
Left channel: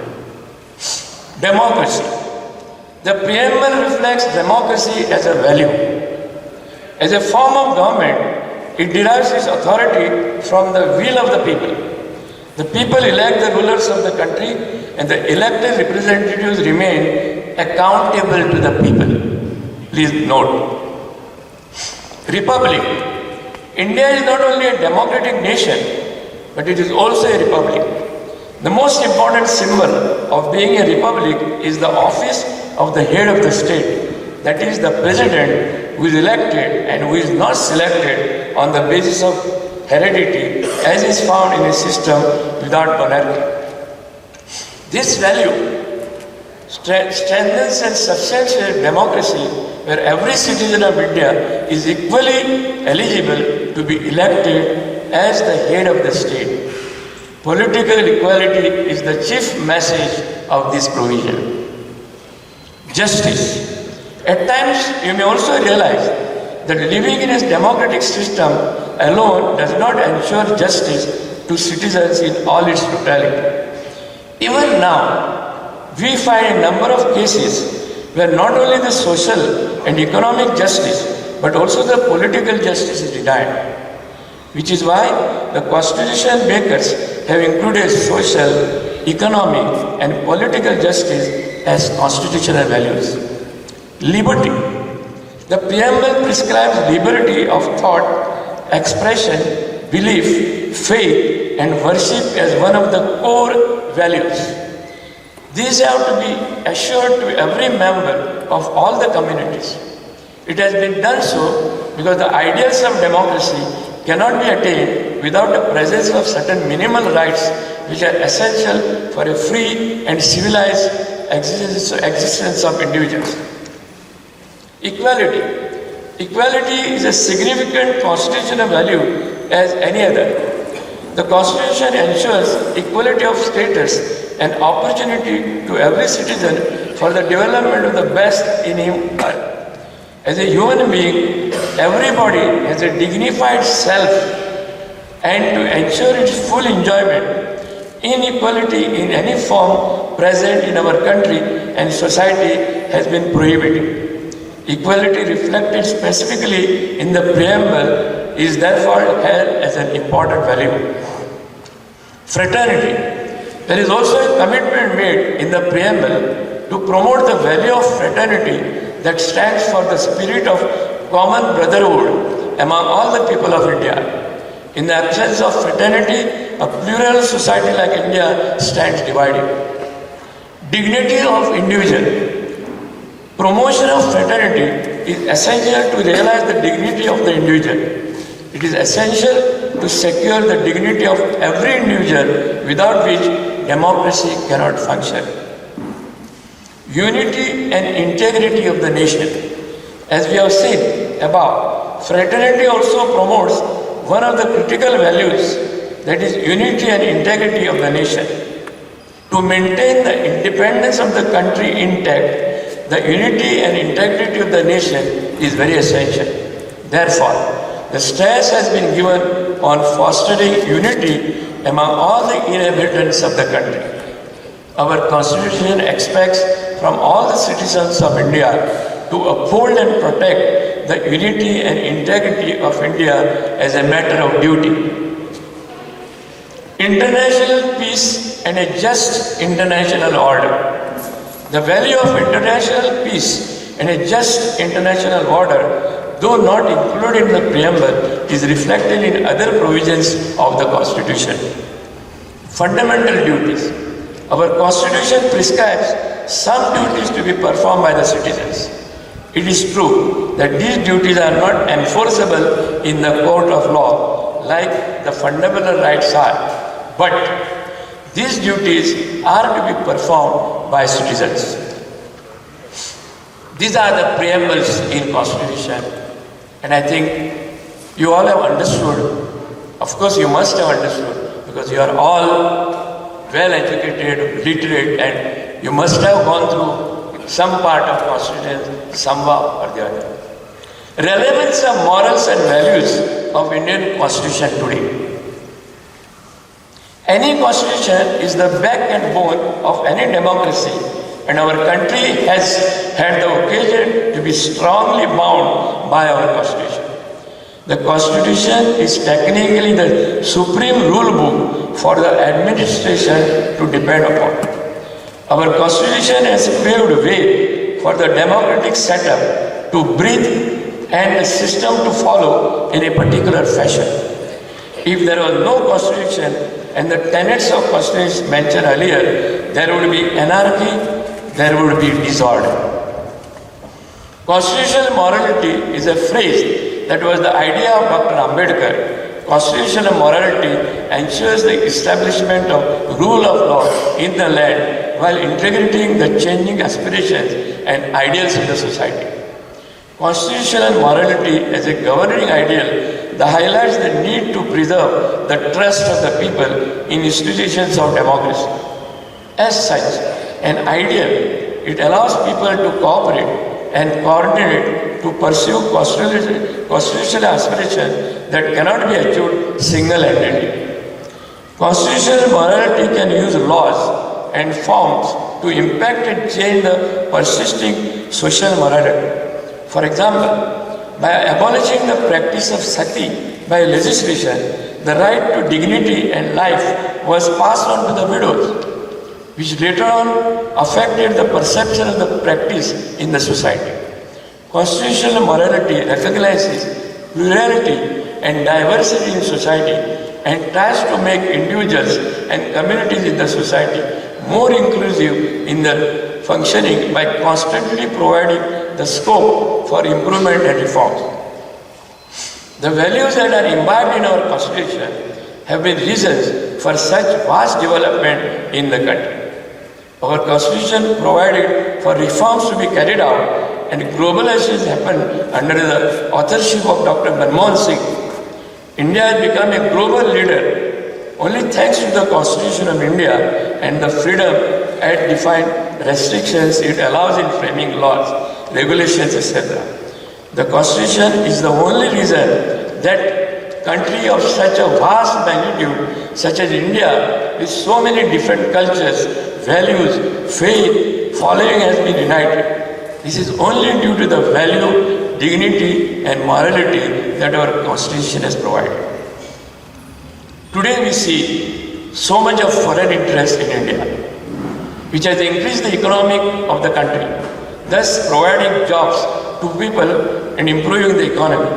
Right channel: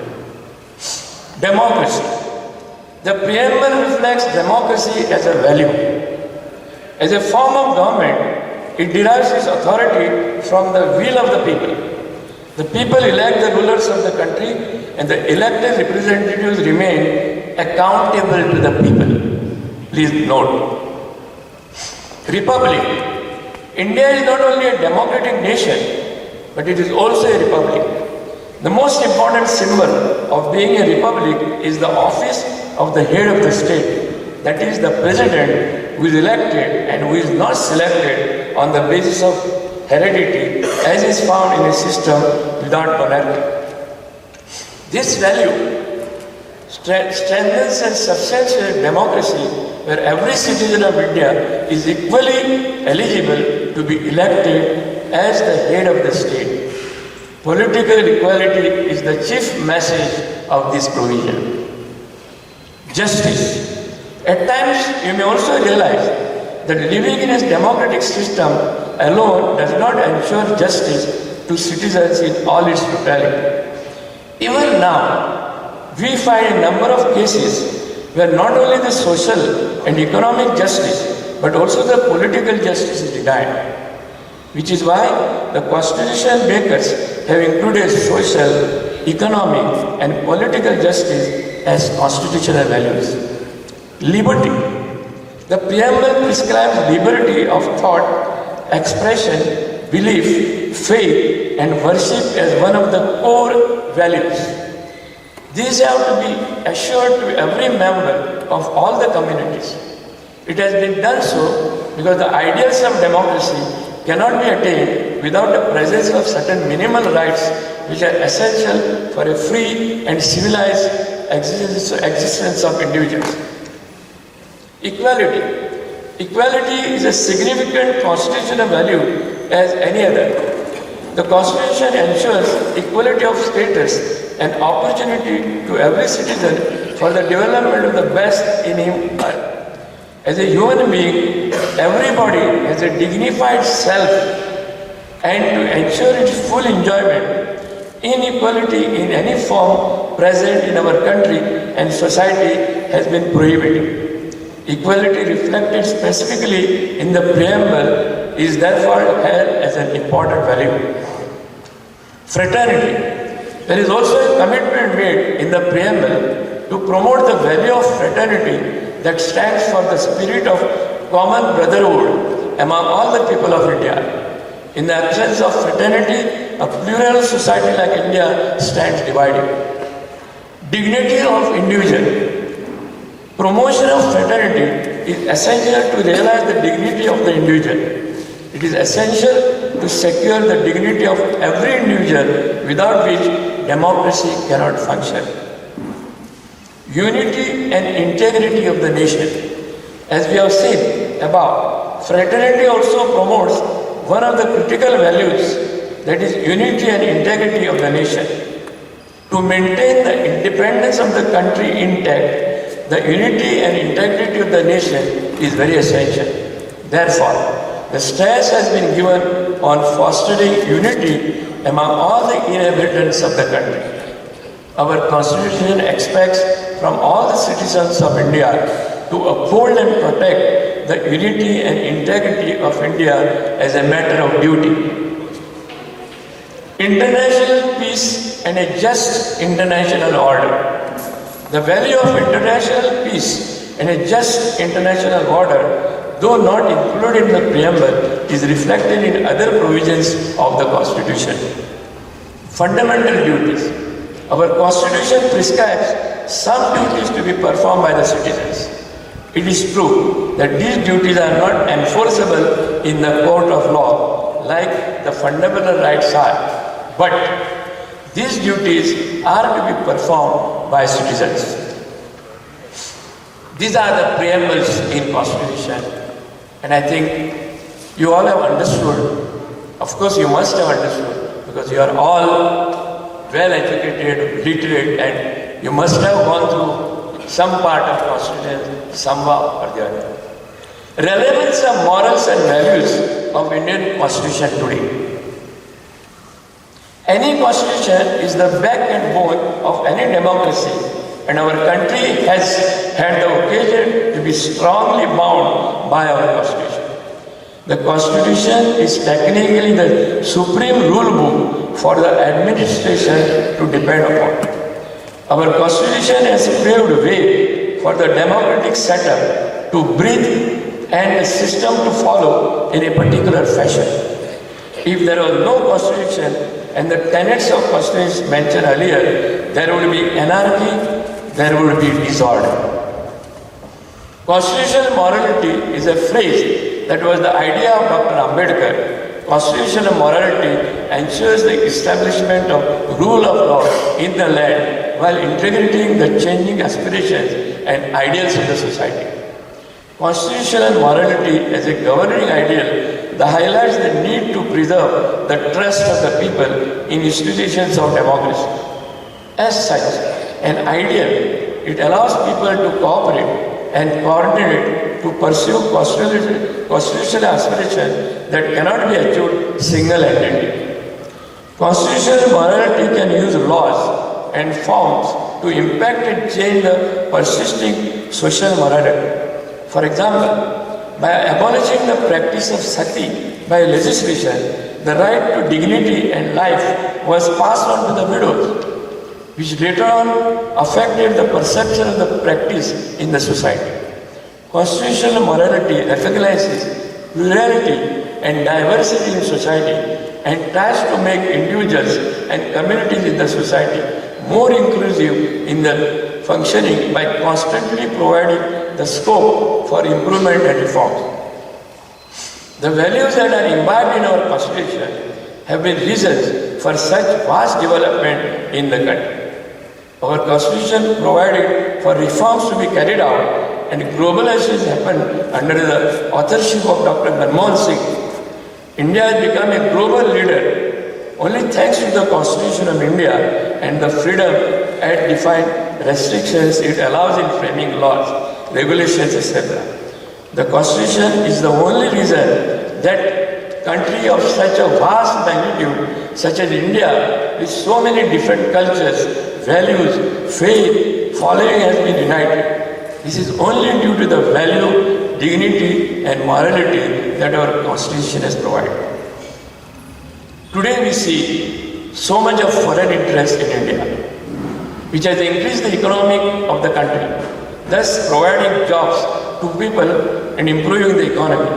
Democracy. The preamble reflects democracy as a value. As a form of government, it derives its authority from the will of the people. The people elect the rulers of the country, and the elected representatives remain accountable to the people. Please note. Republic. India is not only a democratic nation, but it is also a republic. The most important symbol of being a republic is the office of the head of the state, that is the president, who is elected and who is not selected on the basis of heredity as is found in a system without monarchy. This value strengthens and substantiates democracy where every citizen of India is equally eligible to be elected as the head of the state. Political equality is the chief message of this provision. Justice. At times, you may also realize that living in a democratic system alone does not ensure justice to citizens in all its totality. Even now, we find a number of cases where not only the social and economic justice, but also the political justice is denied. Which is why the constitution makers have included social, economic, and political justice as constitutional values. Liberty. The preamble prescribes liberty of thought, expression, belief, faith, and worship as one of the core values. These have to be assured to every member of all the communities. It has been done so because the ideals of democracy cannot be attained without the presence of certain minimal rights which are essential for a free and civilized existence of individuals. Equality. Equality is a significant constitutional value as any other. The Constitution ensures equality of status and opportunity to every citizen for the development of the best in him or her. As a human being, everybody has a dignified self, and to ensure its full enjoyment, inequality in any form present in our country and society has been prohibited. Equality reflected specifically in the preamble is therefore held as an important value. Fraternity. There is also a commitment made in the preamble to promote the value of fraternity that stands for the spirit of common brotherhood among all the people of India. In the absence of fraternity, a plural society like India stands divided. Dignity of individual. Promotion of fraternity is essential to realize the dignity of the individual. It is essential to secure the dignity of every individual, without which democracy cannot function. Unity and integrity of the nation. As we have seen above, fraternity also promotes one of the critical values, that is unity and integrity of the nation. To maintain the independence of the country intact, the unity and integrity of the nation is very essential. Therefore, the stress has been given on fostering unity among all the inhabitants of the country. Our Constitution expects from all the citizens of India to uphold and protect the unity and integrity of India as a matter of duty. International peace and a just international order. The value of international peace and a just international order, though not included in the preamble, is reflected in other provisions of the Constitution. Fundamental duties. Our Constitution prescribes some duties to be performed by the citizens. It is true that these duties are not enforceable in the court of law like the fundamental rights are, but these duties are to be performed by citizens. These are the preambles in Constitution, and I think you all have understood. Of course, you must have understood, because you are all well educated, literate, and you must have gone through some part of Constitution somehow or the other. Relevance of morals and values of Indian Constitution today. Any Constitution is the backbone of any democracy, and our country has had the occasion to be strongly bound by our Constitution. The Constitution is technically the supreme rule book for the administration to depend upon. Our Constitution has paved way for the democratic setup to breathe and the system to follow in a particular fashion. If there was no Constitution and the tenets of Constitution mentioned earlier, there would be anarchy, there would be disorder. Constitutional morality is a phrase that was the idea of Dr. Ambedkar. Constitutional morality ensures the establishment of rule of law in the land while integrating the changing aspirations and ideals of the society. Constitutional morality as a governing ideal that highlights the need to preserve the trust of the people in institutions of democracy. As such, an ideal, it allows people to cooperate and coordinate to pursue constitutional aspirations that cannot be achieved single-handedly. Constitutional morality can use laws and forms to impact and change the persisting social morality. For example, by abolishing the practice of sati by legislation, the right to dignity and life was passed on to the widows, which later on affected the perception of the practice in the society. Constitutional morality recognizes plurality and diversity in society and tries to make individuals and communities in the society more inclusive in their functioning by constantly providing the scope for improvement and reforms. The values that are imbibed in our Constitution have been reasons for such vast development in the country. Our Constitution provided for reforms to be carried out, and globalization happened under the authorship of Dr. Manmohan Singh. India has become a global leader Only thanks to the Constitution of India and the freedom it defined restrictions it allows in framing laws, regulations, etc. The Constitution is the only reason that country of such a vast magnitude, such as India, with so many different cultures, values, faith, following has been united. This is only due to the value, dignity and morality that our Constitution has provided. Today we see so much of foreign interest in India, which has increased the economy of the country, thus providing jobs to people and improving the economy.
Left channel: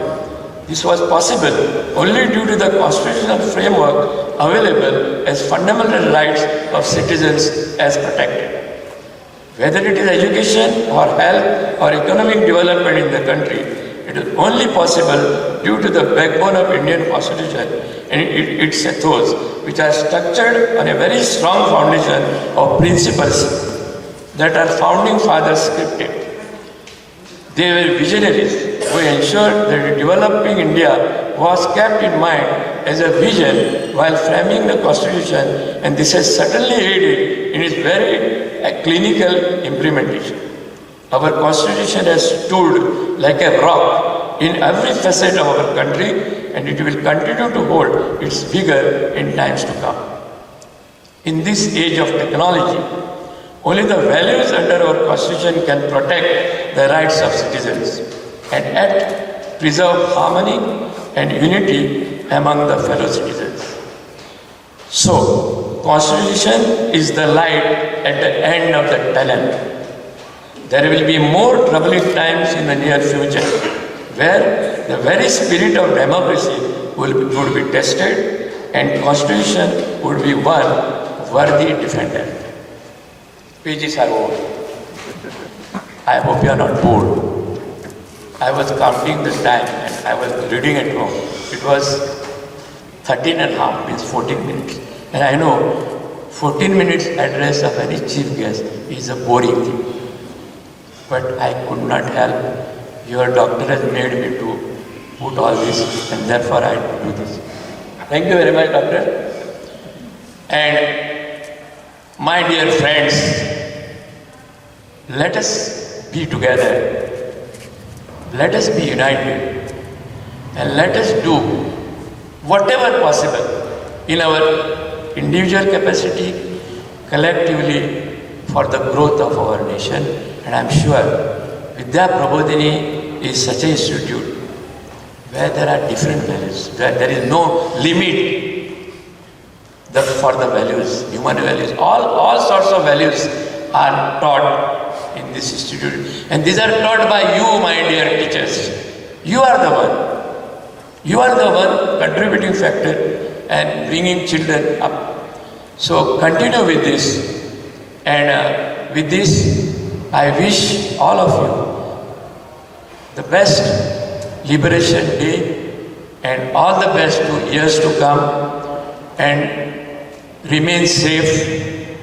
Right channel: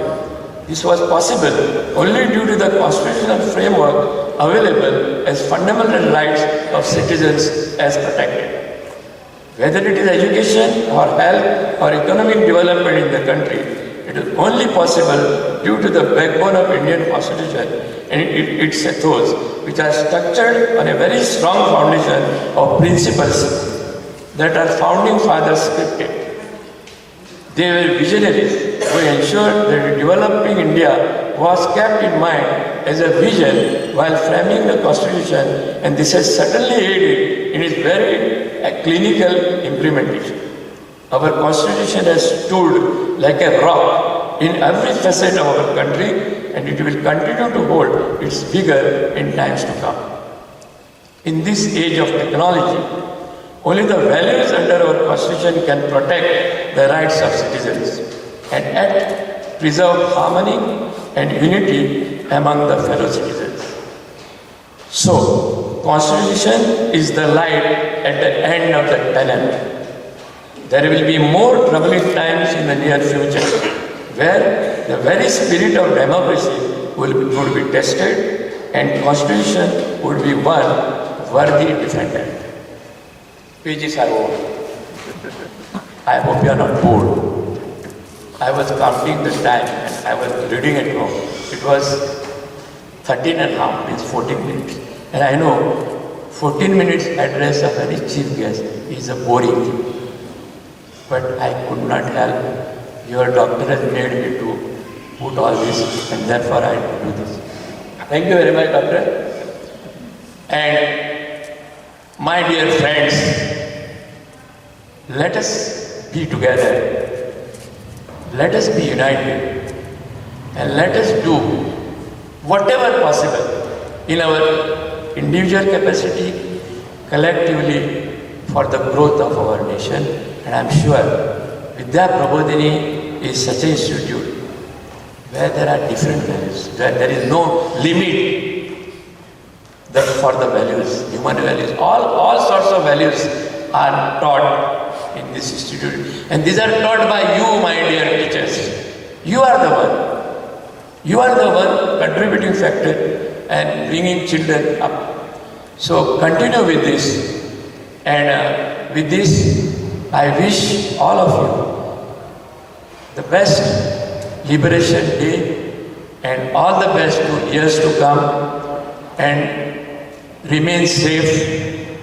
This was possible only due to the constitutional framework available as fundamental rights of citizens as protected. Whether it is education or health or economic development in the country, it is only possible due to the backbone of Indian Constitution and its ethos, which are structured on a very strong foundation of principles that our founding fathers scripted. They were visionaries who ensured that developing India was kept in mind as a vision while framing the Constitution, and this has certainly aided in its very clinical implementation. Our Constitution has stood like a rock in every facet of our country, and it will continue to hold its vigor in times to come. In this age of technology, only the values under our Constitution can protect the rights of citizens and yet preserve harmony and unity among the fellow citizens. So, Constitution is the light at the end of the tunnel. There will be more troubling times in the near future, where the very spirit of democracy would be tested and Constitution would be one worthy defender. Pages are over. I hope you are not bored. I was counting the time and I was reading at home. It was 13 and a half, means 14 minutes. And I know 14 minutes address of any chief guest is a boring thing. But I could not help. Your doctor has made me to put all this, and therefore I do this. Thank you very much, doctor. And my dear friends, let us be together. Let us be united. And let us do whatever possible in our individual capacity, collectively, for the growth of our nation. And I am sure Vidya Prabodhini is such an institute where there are different values, where there is no limit for the values, human values. All sorts of values are taught in this institute. And these are taught by you, my dear teachers. You are the one. You are the one contributing factor and bringing children up. So continue with this. And with this, I wish all of you the best Liberation Day and all the best to years to come, and remain safe,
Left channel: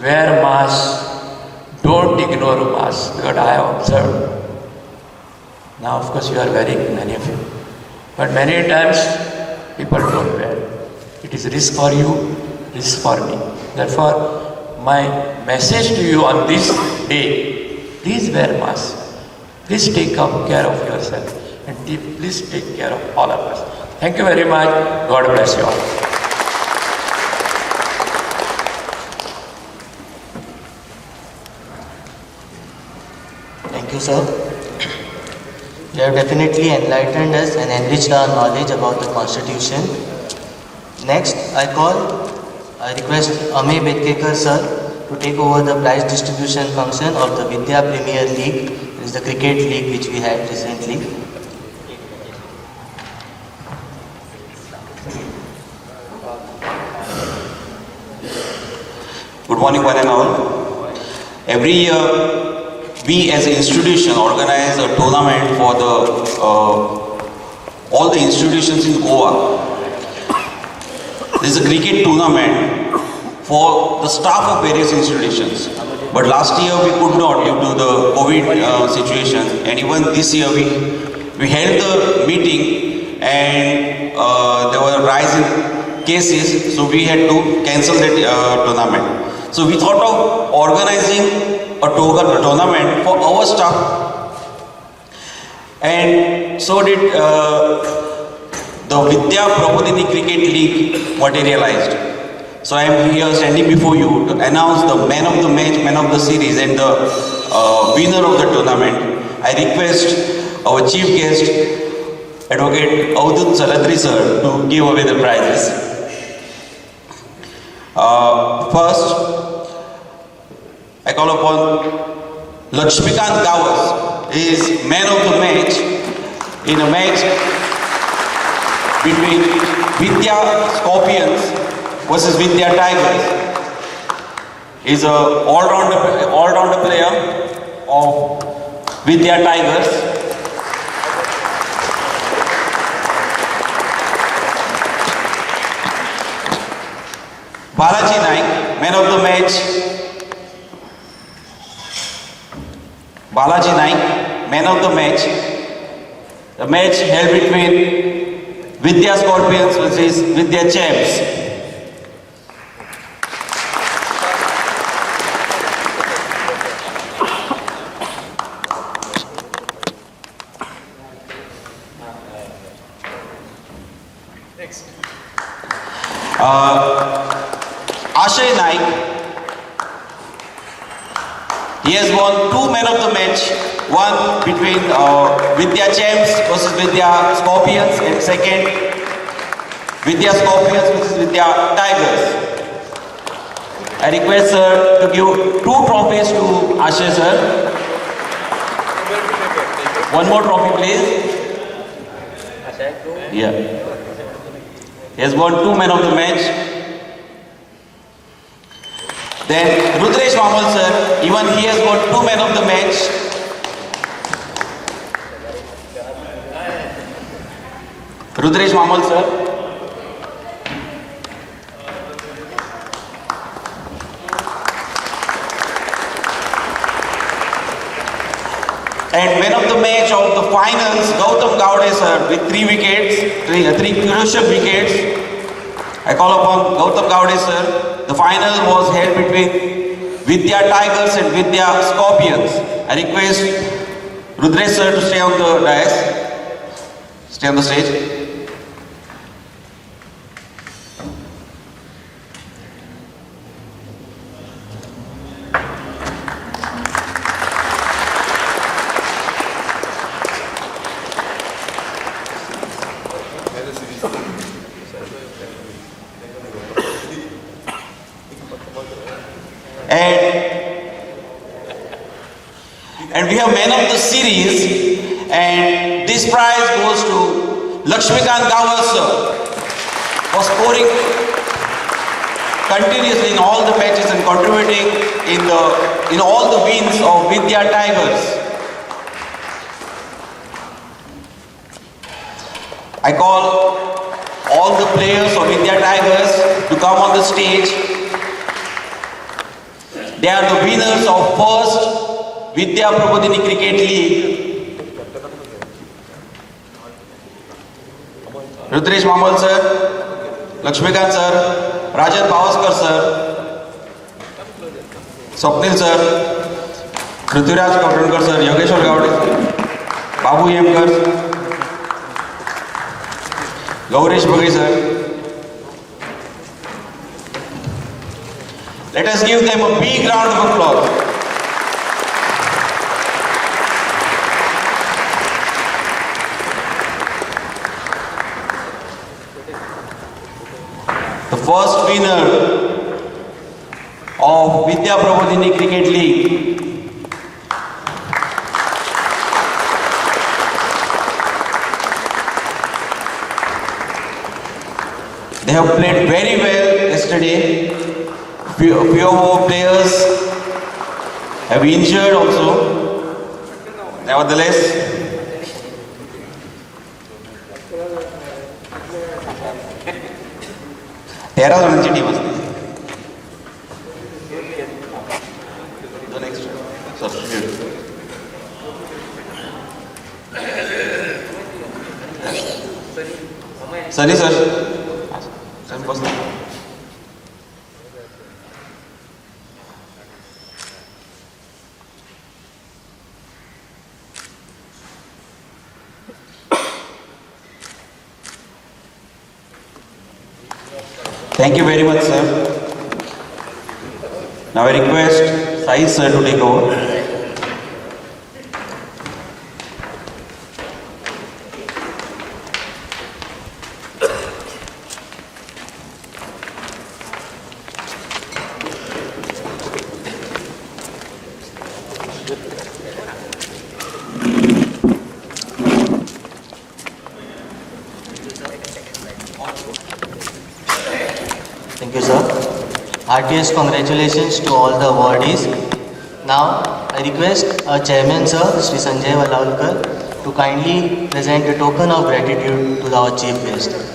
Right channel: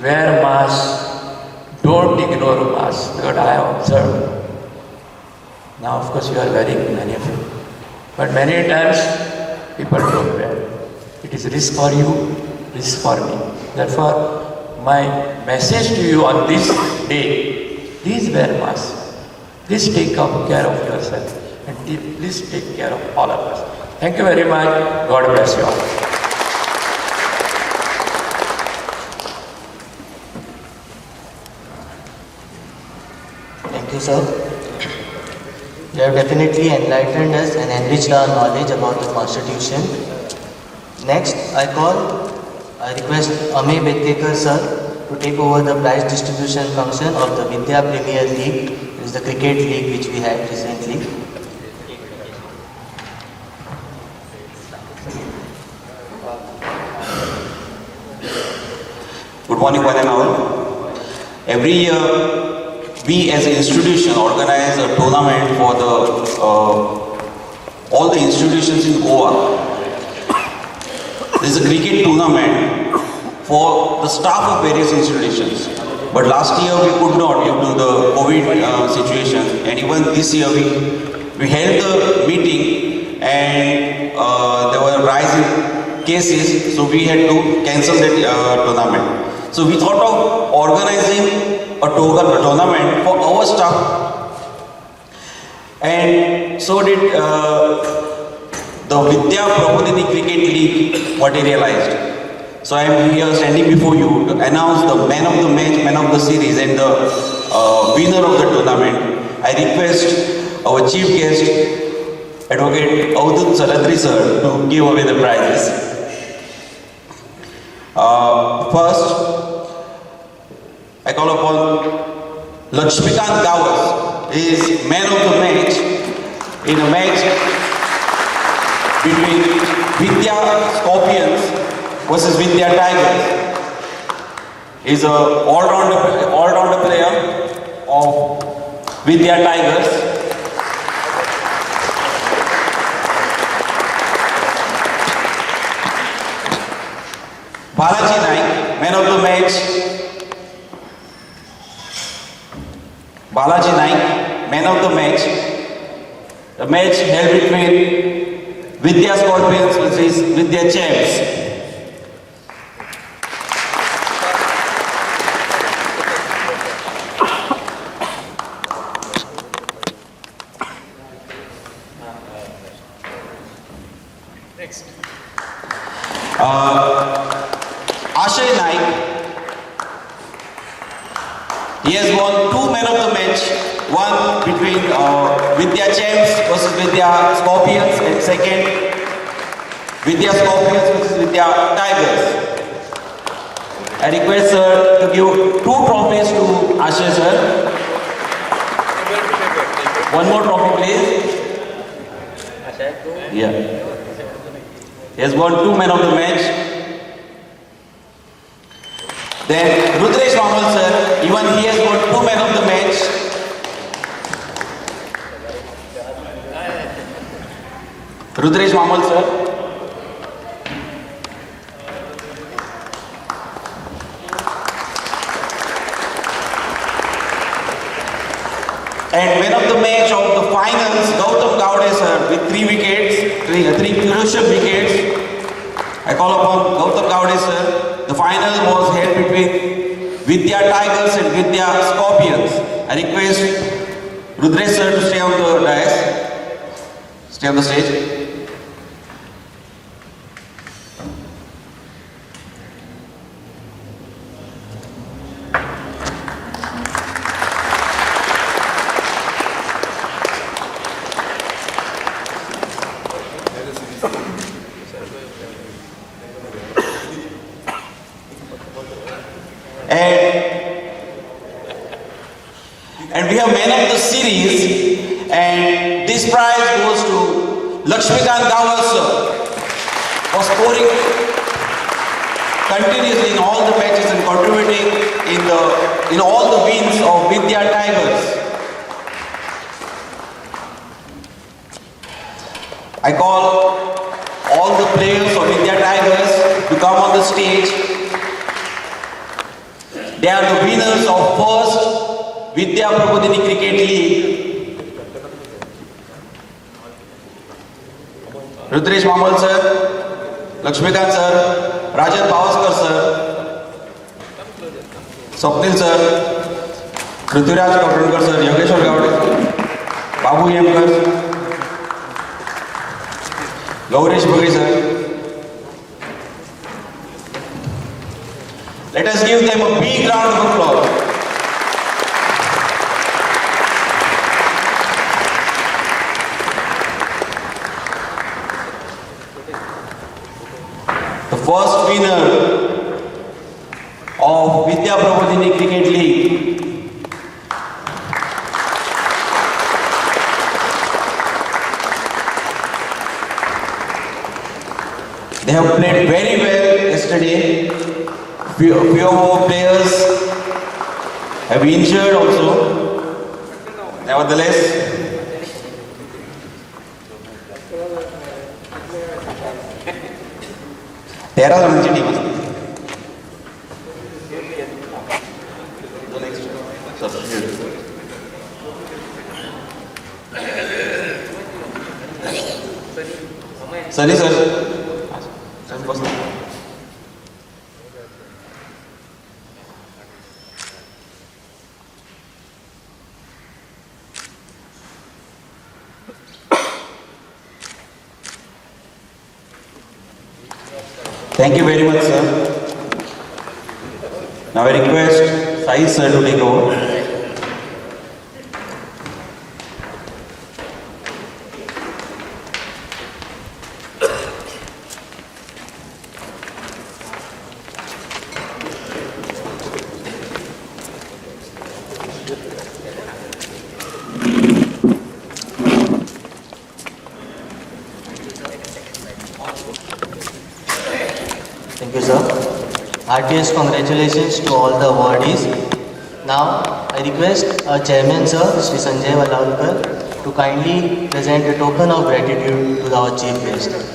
wear mask, don't ignore mask, because I have observed. Now of course you are wearing, many of you, but many times people don't wear. It is risk for you, risk for me. Therefore, my message to you on this day, please wear mask. Please take care of yourself, and please take care of all of us. Thank you very much. God bless you all. Thank you, sir. You have definitely enlightened us and enriched our knowledge about the Constitution. Next, I request Amey Bedkekar sir to take over the prize distribution function of the Vidya Premier League. It is the cricket league which we had recently. Good morning, one and all. Every year, we as an institution organize a tournament for all the institutions in Goa. This is a cricket tournament for the staff of various institutions. But last year we could not due to the COVID situation, and even this year we held the meeting, and there was a rise in cases, so we had to cancel that tournament. So we thought of organizing a tournament for our staff, and so did the Vidya Prabodhini Cricket League materialized. So I am here standing before you to announce the man of the match, man of the series, and the winner of the tournament. I request our chief guest, Advocate Avadut Salatri sir, to give away the prizes. First, I call upon Lakshmikant Gawas. He is man of the match in a match between Vidya Scorpions versus Vidya Tigers. He is an all-rounder player of Vidya Tigers. Balaji Naik, man of the match. Balaji Naik, man of the match. The match held between Vidya Scorpions versus Vidya Champs. Ashay Naik, he has won 2 men of the match, one between Vidya Champs versus Vidya Scorpions, and second Vidya Scorpions versus Vidya Tigers. I request sir to give 2 trophies to Ashay sir. One more trophy please. Yeah. He has won 2 men of the match. Then Rudresh Mamal sir, even he has got 2 men of the match. Rudresh Mamal sir. And man of the match of the finals, Gautam Gowde sir, with 3 wickets, 3 crucial wickets. I call upon Gautam Gowde sir. The final was held between Vidya Tigers and Vidya Scorpions. I request Rudresh sir to stay on the dais, stay on the stage. And we have man of the series, and this prize goes to Lakshmikant Gawas for scoring continuously in all the matches and contributing in all the wins of Vidya Tigers. I call all the players of Vidya Tigers to come on the stage. They are the winners of first Vidya Prabodhini Cricket League. Rudresh Mamal sir, Lakshmikant sir, Rajan Bavaskar sir, Swapnil sir, Prithviraj Kaprankar sir, Yogeshwar Gowde, Babu Yemkar, Gaurish Bhagay sir. Let us give them a big round of applause. The first winner of Vidya Prabodhini Cricket League. They have played very well yesterday. Few of our players have injured also. Nevertheless, तेरा रनची team असते. The next substitute. Sunny sir. Thank you very much, sir. Now I request Sai sir to take over. Thank you, sir. Heartiest congratulations to all the awardees. Now, I request our chairman, sir, Sri Sanjay Vallalkar, to kindly present a token of gratitude to our chief guest.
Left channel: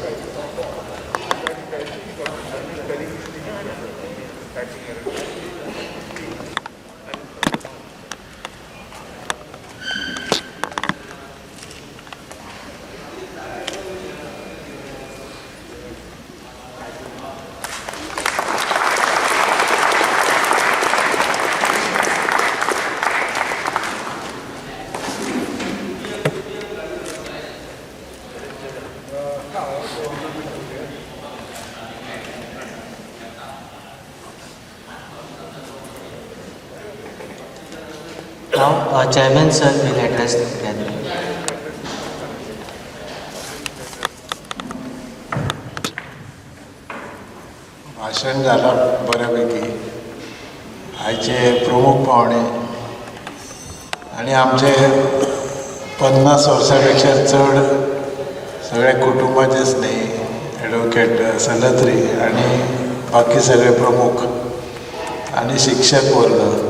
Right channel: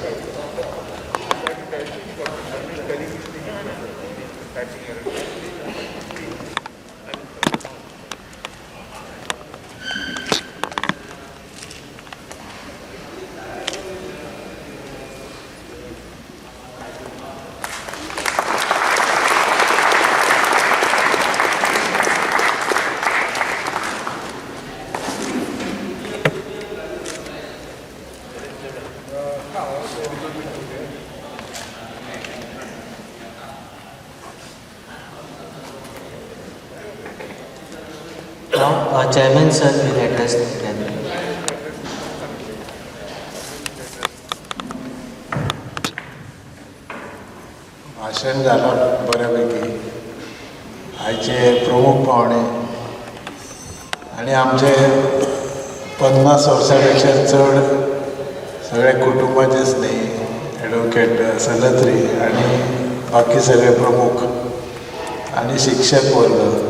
Now, our chairman, sir, will address the gathering. भाषण झालं बऱ्यापैकी. आयचे प्रमुख पाहुणे आणि आमचे 50 वर्सांपेक्षा चड सगळे कुटुंबाचे स्नेही ॲडव्होकेट सलत्री आणि बाकी सगळे प्रमुख आणि शिक्षक वर्ग,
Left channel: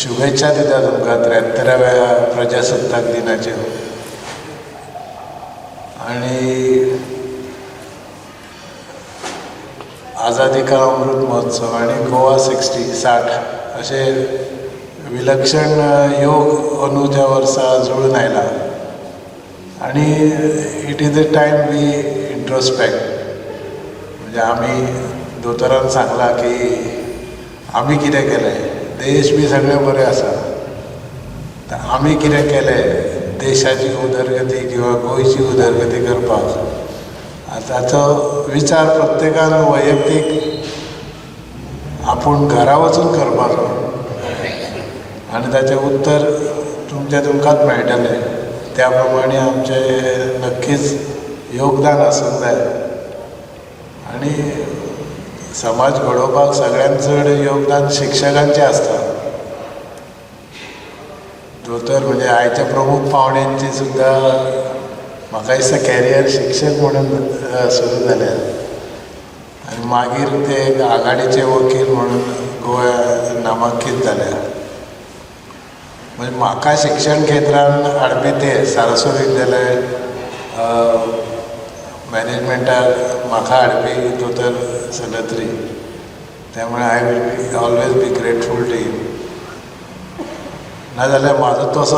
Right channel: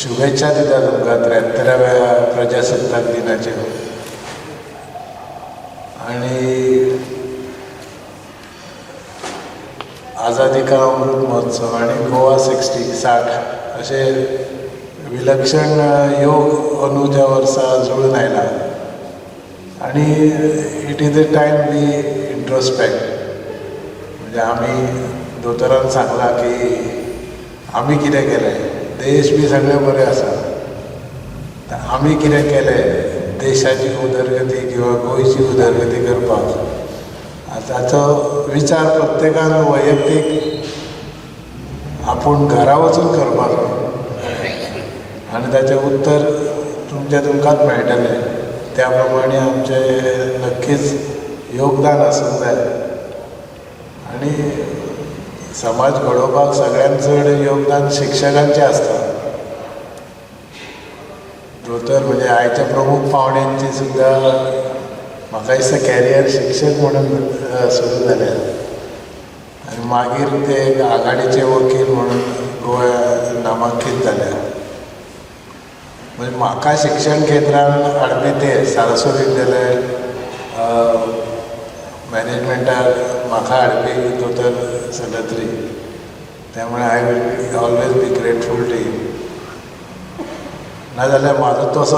शुभेच्छा दिता तुमकां 73व्या प्रजासत्ताक दिनाच्यो. आणि आझादी का अमृत महोत्सव आणि गोवा 60 असे विलक्षण योग अंदूच्या वर्सा जुळून आयला. आणि it is a time we introspect. म्हणजे आमी दोतोरान सांगलां की आमी कितें केलें, देश बी सगळे बरे आसा, तर आमी कितें केलें देशाची उदरगती किंवा गोंयची उदरगती करपाक. ताचो विचार प्रत्येकान वैयक्तीक आपूण घरा वचून करपाचो आनी ताचें उत्तर तुमकांच मेळटलें. त्या प्रमाणे आमचें नक्कीच योगदान आसूंक जाय. आनी समाज घडोवपाक सगळ्यांत चड योगदान शिक्षकांचें आसता. दोतोर म्हणजे आयच्या प्रमुख पाहुण्यांची सुद्दां म्हाका दिसता कॅरियर शिक्षक म्हणून सुरू जाल्यार आनी मागीर ते आघाडीचे वकील म्हणून गोंया नामांकीत जाल्यार. म्हणजे म्हाका शिक्षण क्षेत्रान हाडपी ते सारस्वत विद्यालय मॅनेजमेंटाक म्हाका हाडपी दोतोर सलत्री. त्यामुळे I will always be grateful to him. नाजाल्यार म्हाजो तसो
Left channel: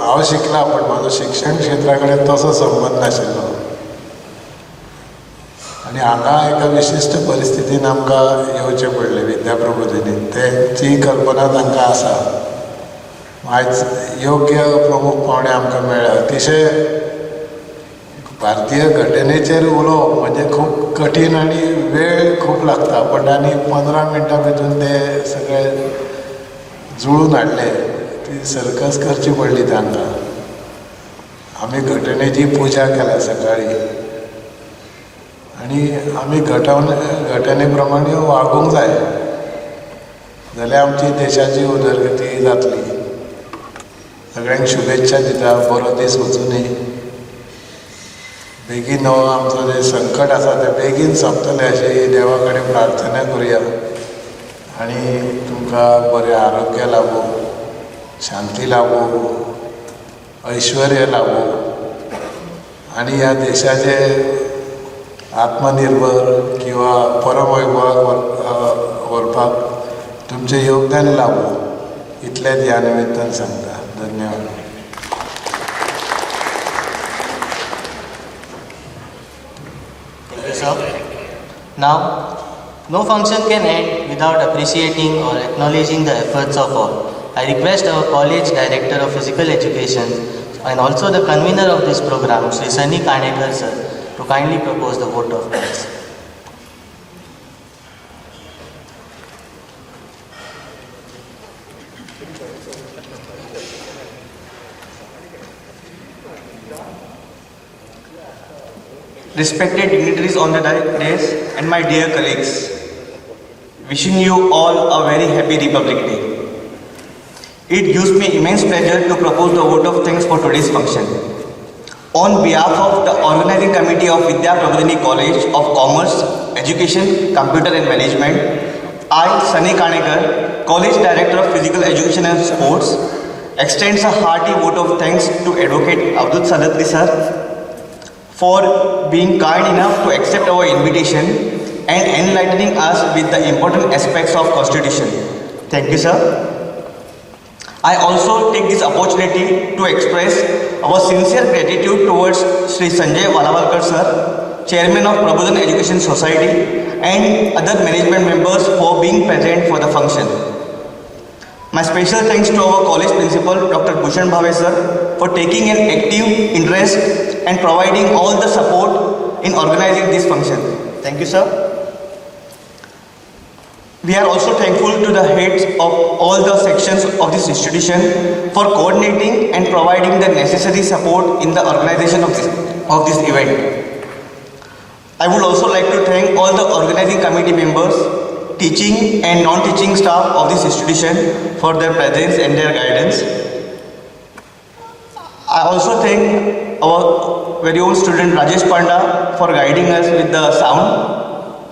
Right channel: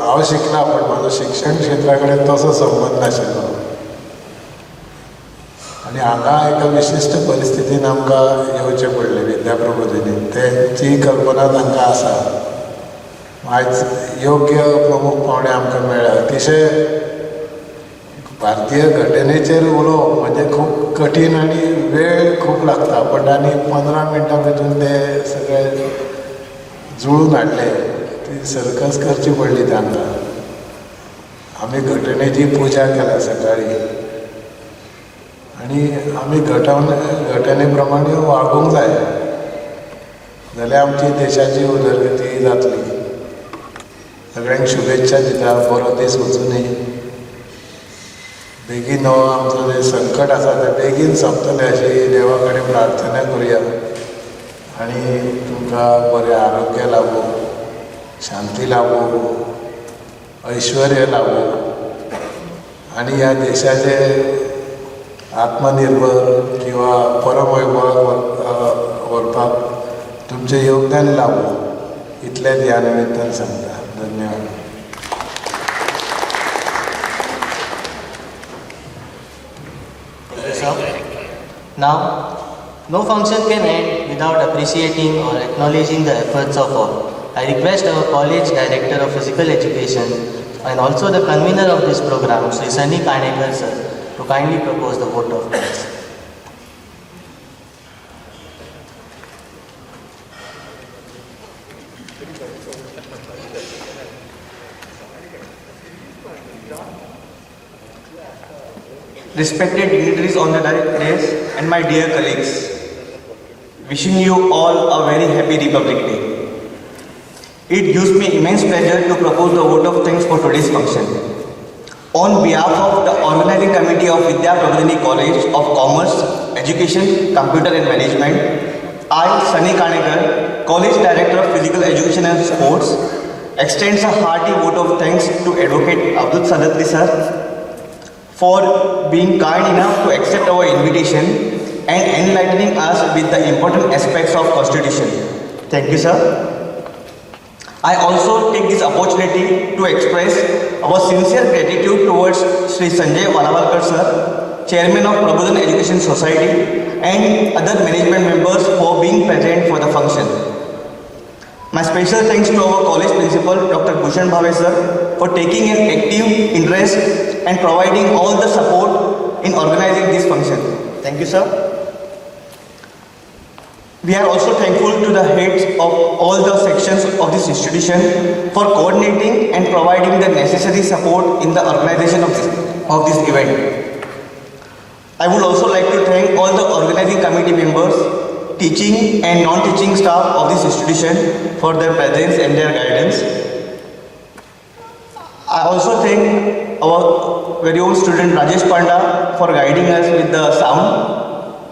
हांव शिकला पूण म्हाजो शिक्षण क्षेत्रा कडेन तसो संबंद नाशिल्लो. आनी हांगा एका विशिश्ट परिस्थितीन आमकां येवचें पडलें विद्याप्रबोधिनीन. तेची कल्पना तांकां आसा. आयज योग्य प्रमुख पाहुणे आमकां मेळ्ळा. अतिशय भारतीय घटनेचेर उलोवप म्हणजे खूब कठीण आनी वेळ खूब लागता. बट आनी 15 मिनटां भितर ते सगळे जुळून हाडले. ती सर्कस करची पडली तांकां. आमी घटनेची पुजा केल्या सकाळी आनी आमी घटने प्रमाणे वागूंक जाय जाल्यार आमची देशाची उदरगती जातली. सगळ्यांक शुभेच्छा दिता. बरो दीस वचूं दी. बेगीन हो आमचो जें संकट आसा तें बेगीन सोंपतलें अशी देवा कडेन प्रार्थना करुया. आनी तुमकां बरें आरोग्य लाभूं, शांती लाभूं, ऐश्वर्य लाभूं आनी ह्या देशाचे आत्मनिर्भर किंवा परमवैभवाक व्हरपाक तुमचें योगदान लाभूं. इतलेंच ह्या निमित्तान सांगता. धन्यवाद. Now, no function can end without appreciating or acknowledging the efforts of all. I request our college director of physical education and also the convener of this program, Sri Sunny Kanekar sir, to kindly propose the vote of thanks. Respected dignitaries on the dais and my dear colleagues, wishing you all a very happy Republic Day. It gives me immense pleasure to propose the vote of thanks for today's function. On behalf of the organizing committee of Vidya Prabodhini College of Commerce, Education, Computer and Management, I, Sunny Kanekar, College Director of Physical Education and Sports, extends a hearty vote of thanks to Advocate Abdul Sadatli sir for being kind enough to accept our invitation and enlightening us with the important aspects of Constitution. Thank you, sir. I also take this opportunity to express our sincere gratitude towards Sri Sanjay Valavalkar sir, Chairman of Prabodhan Education Society and other management members for being present for the function. My special thanks to our college principal Dr. Bhushan Bhave sir for taking an active interest and providing all the support in organizing this function. Thank you, sir. We are also thankful to the heads of all the sections of this institution for coordinating and providing the necessary support in the organization of this event. I would also like to thank all the organizing committee members, teaching and non-teaching staff of this institution for their presence and their guidance. I also thank our very own student Rajesh Panda for guiding us with the sound.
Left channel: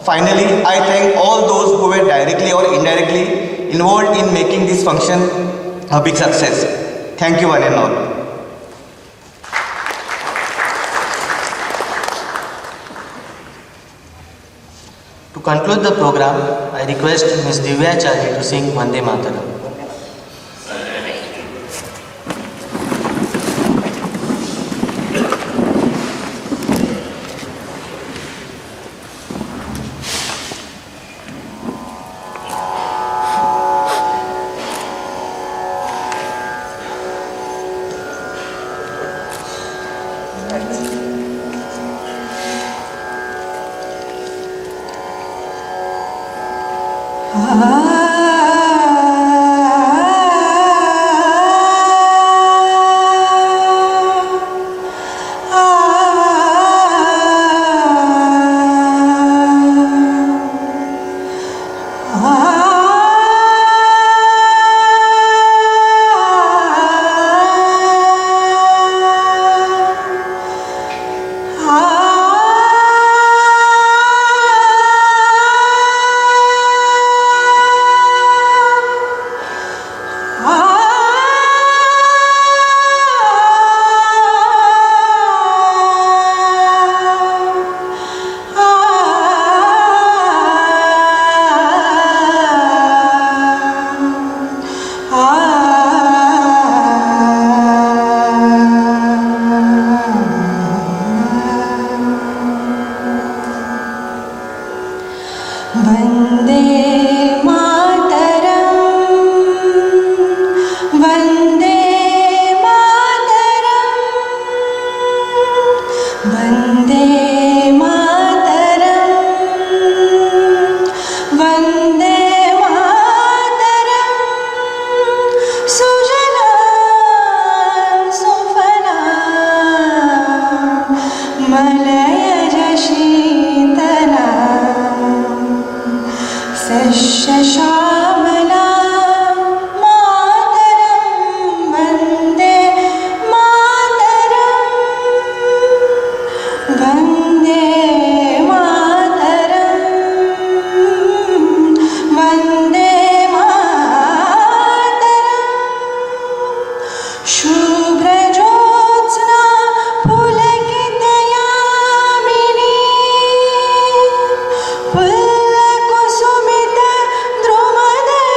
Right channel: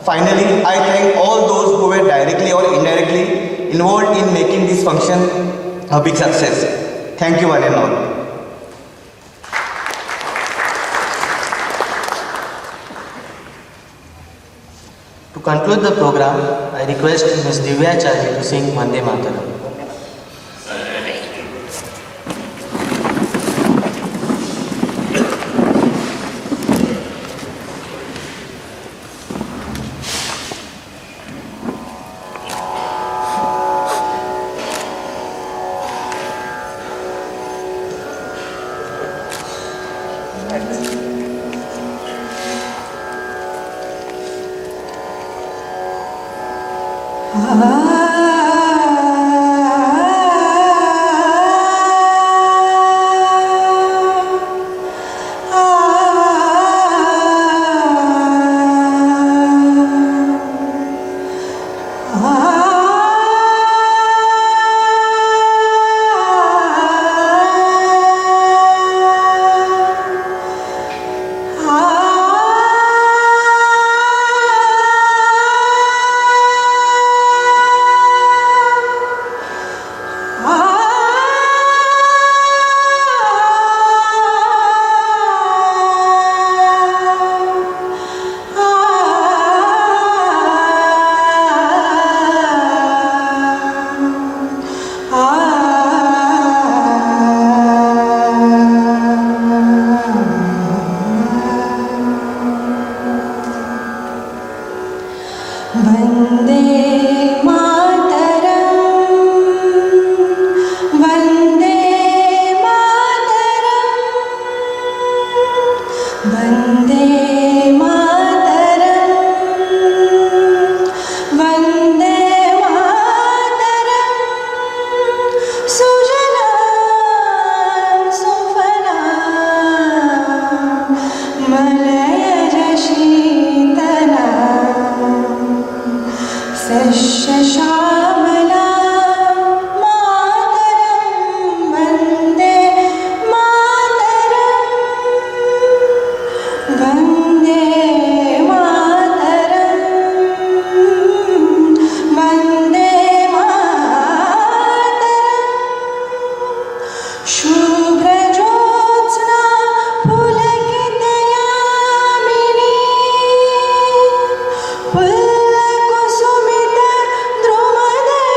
Finally, I thank all those who were directly or indirectly involved in making this function a big success. Thank you one and all. To conclude the program, I request Ms. Divya Chari to sing Vande Mataram. पुल्लकुसुमित द्रुमदल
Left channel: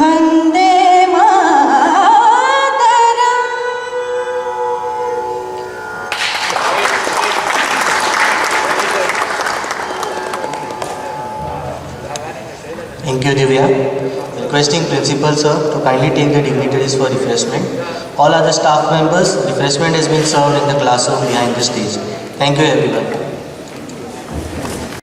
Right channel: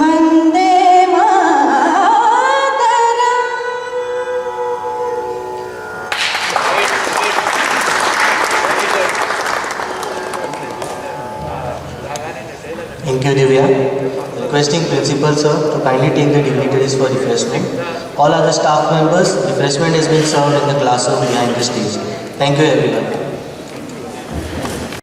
Vande Mataram. Thank you, Divya. Requesting Principal Sir to kindly take the dignitaries for refreshment. All other staff members, refreshment has been served in the classroom behind the stage. Thank you, everyone.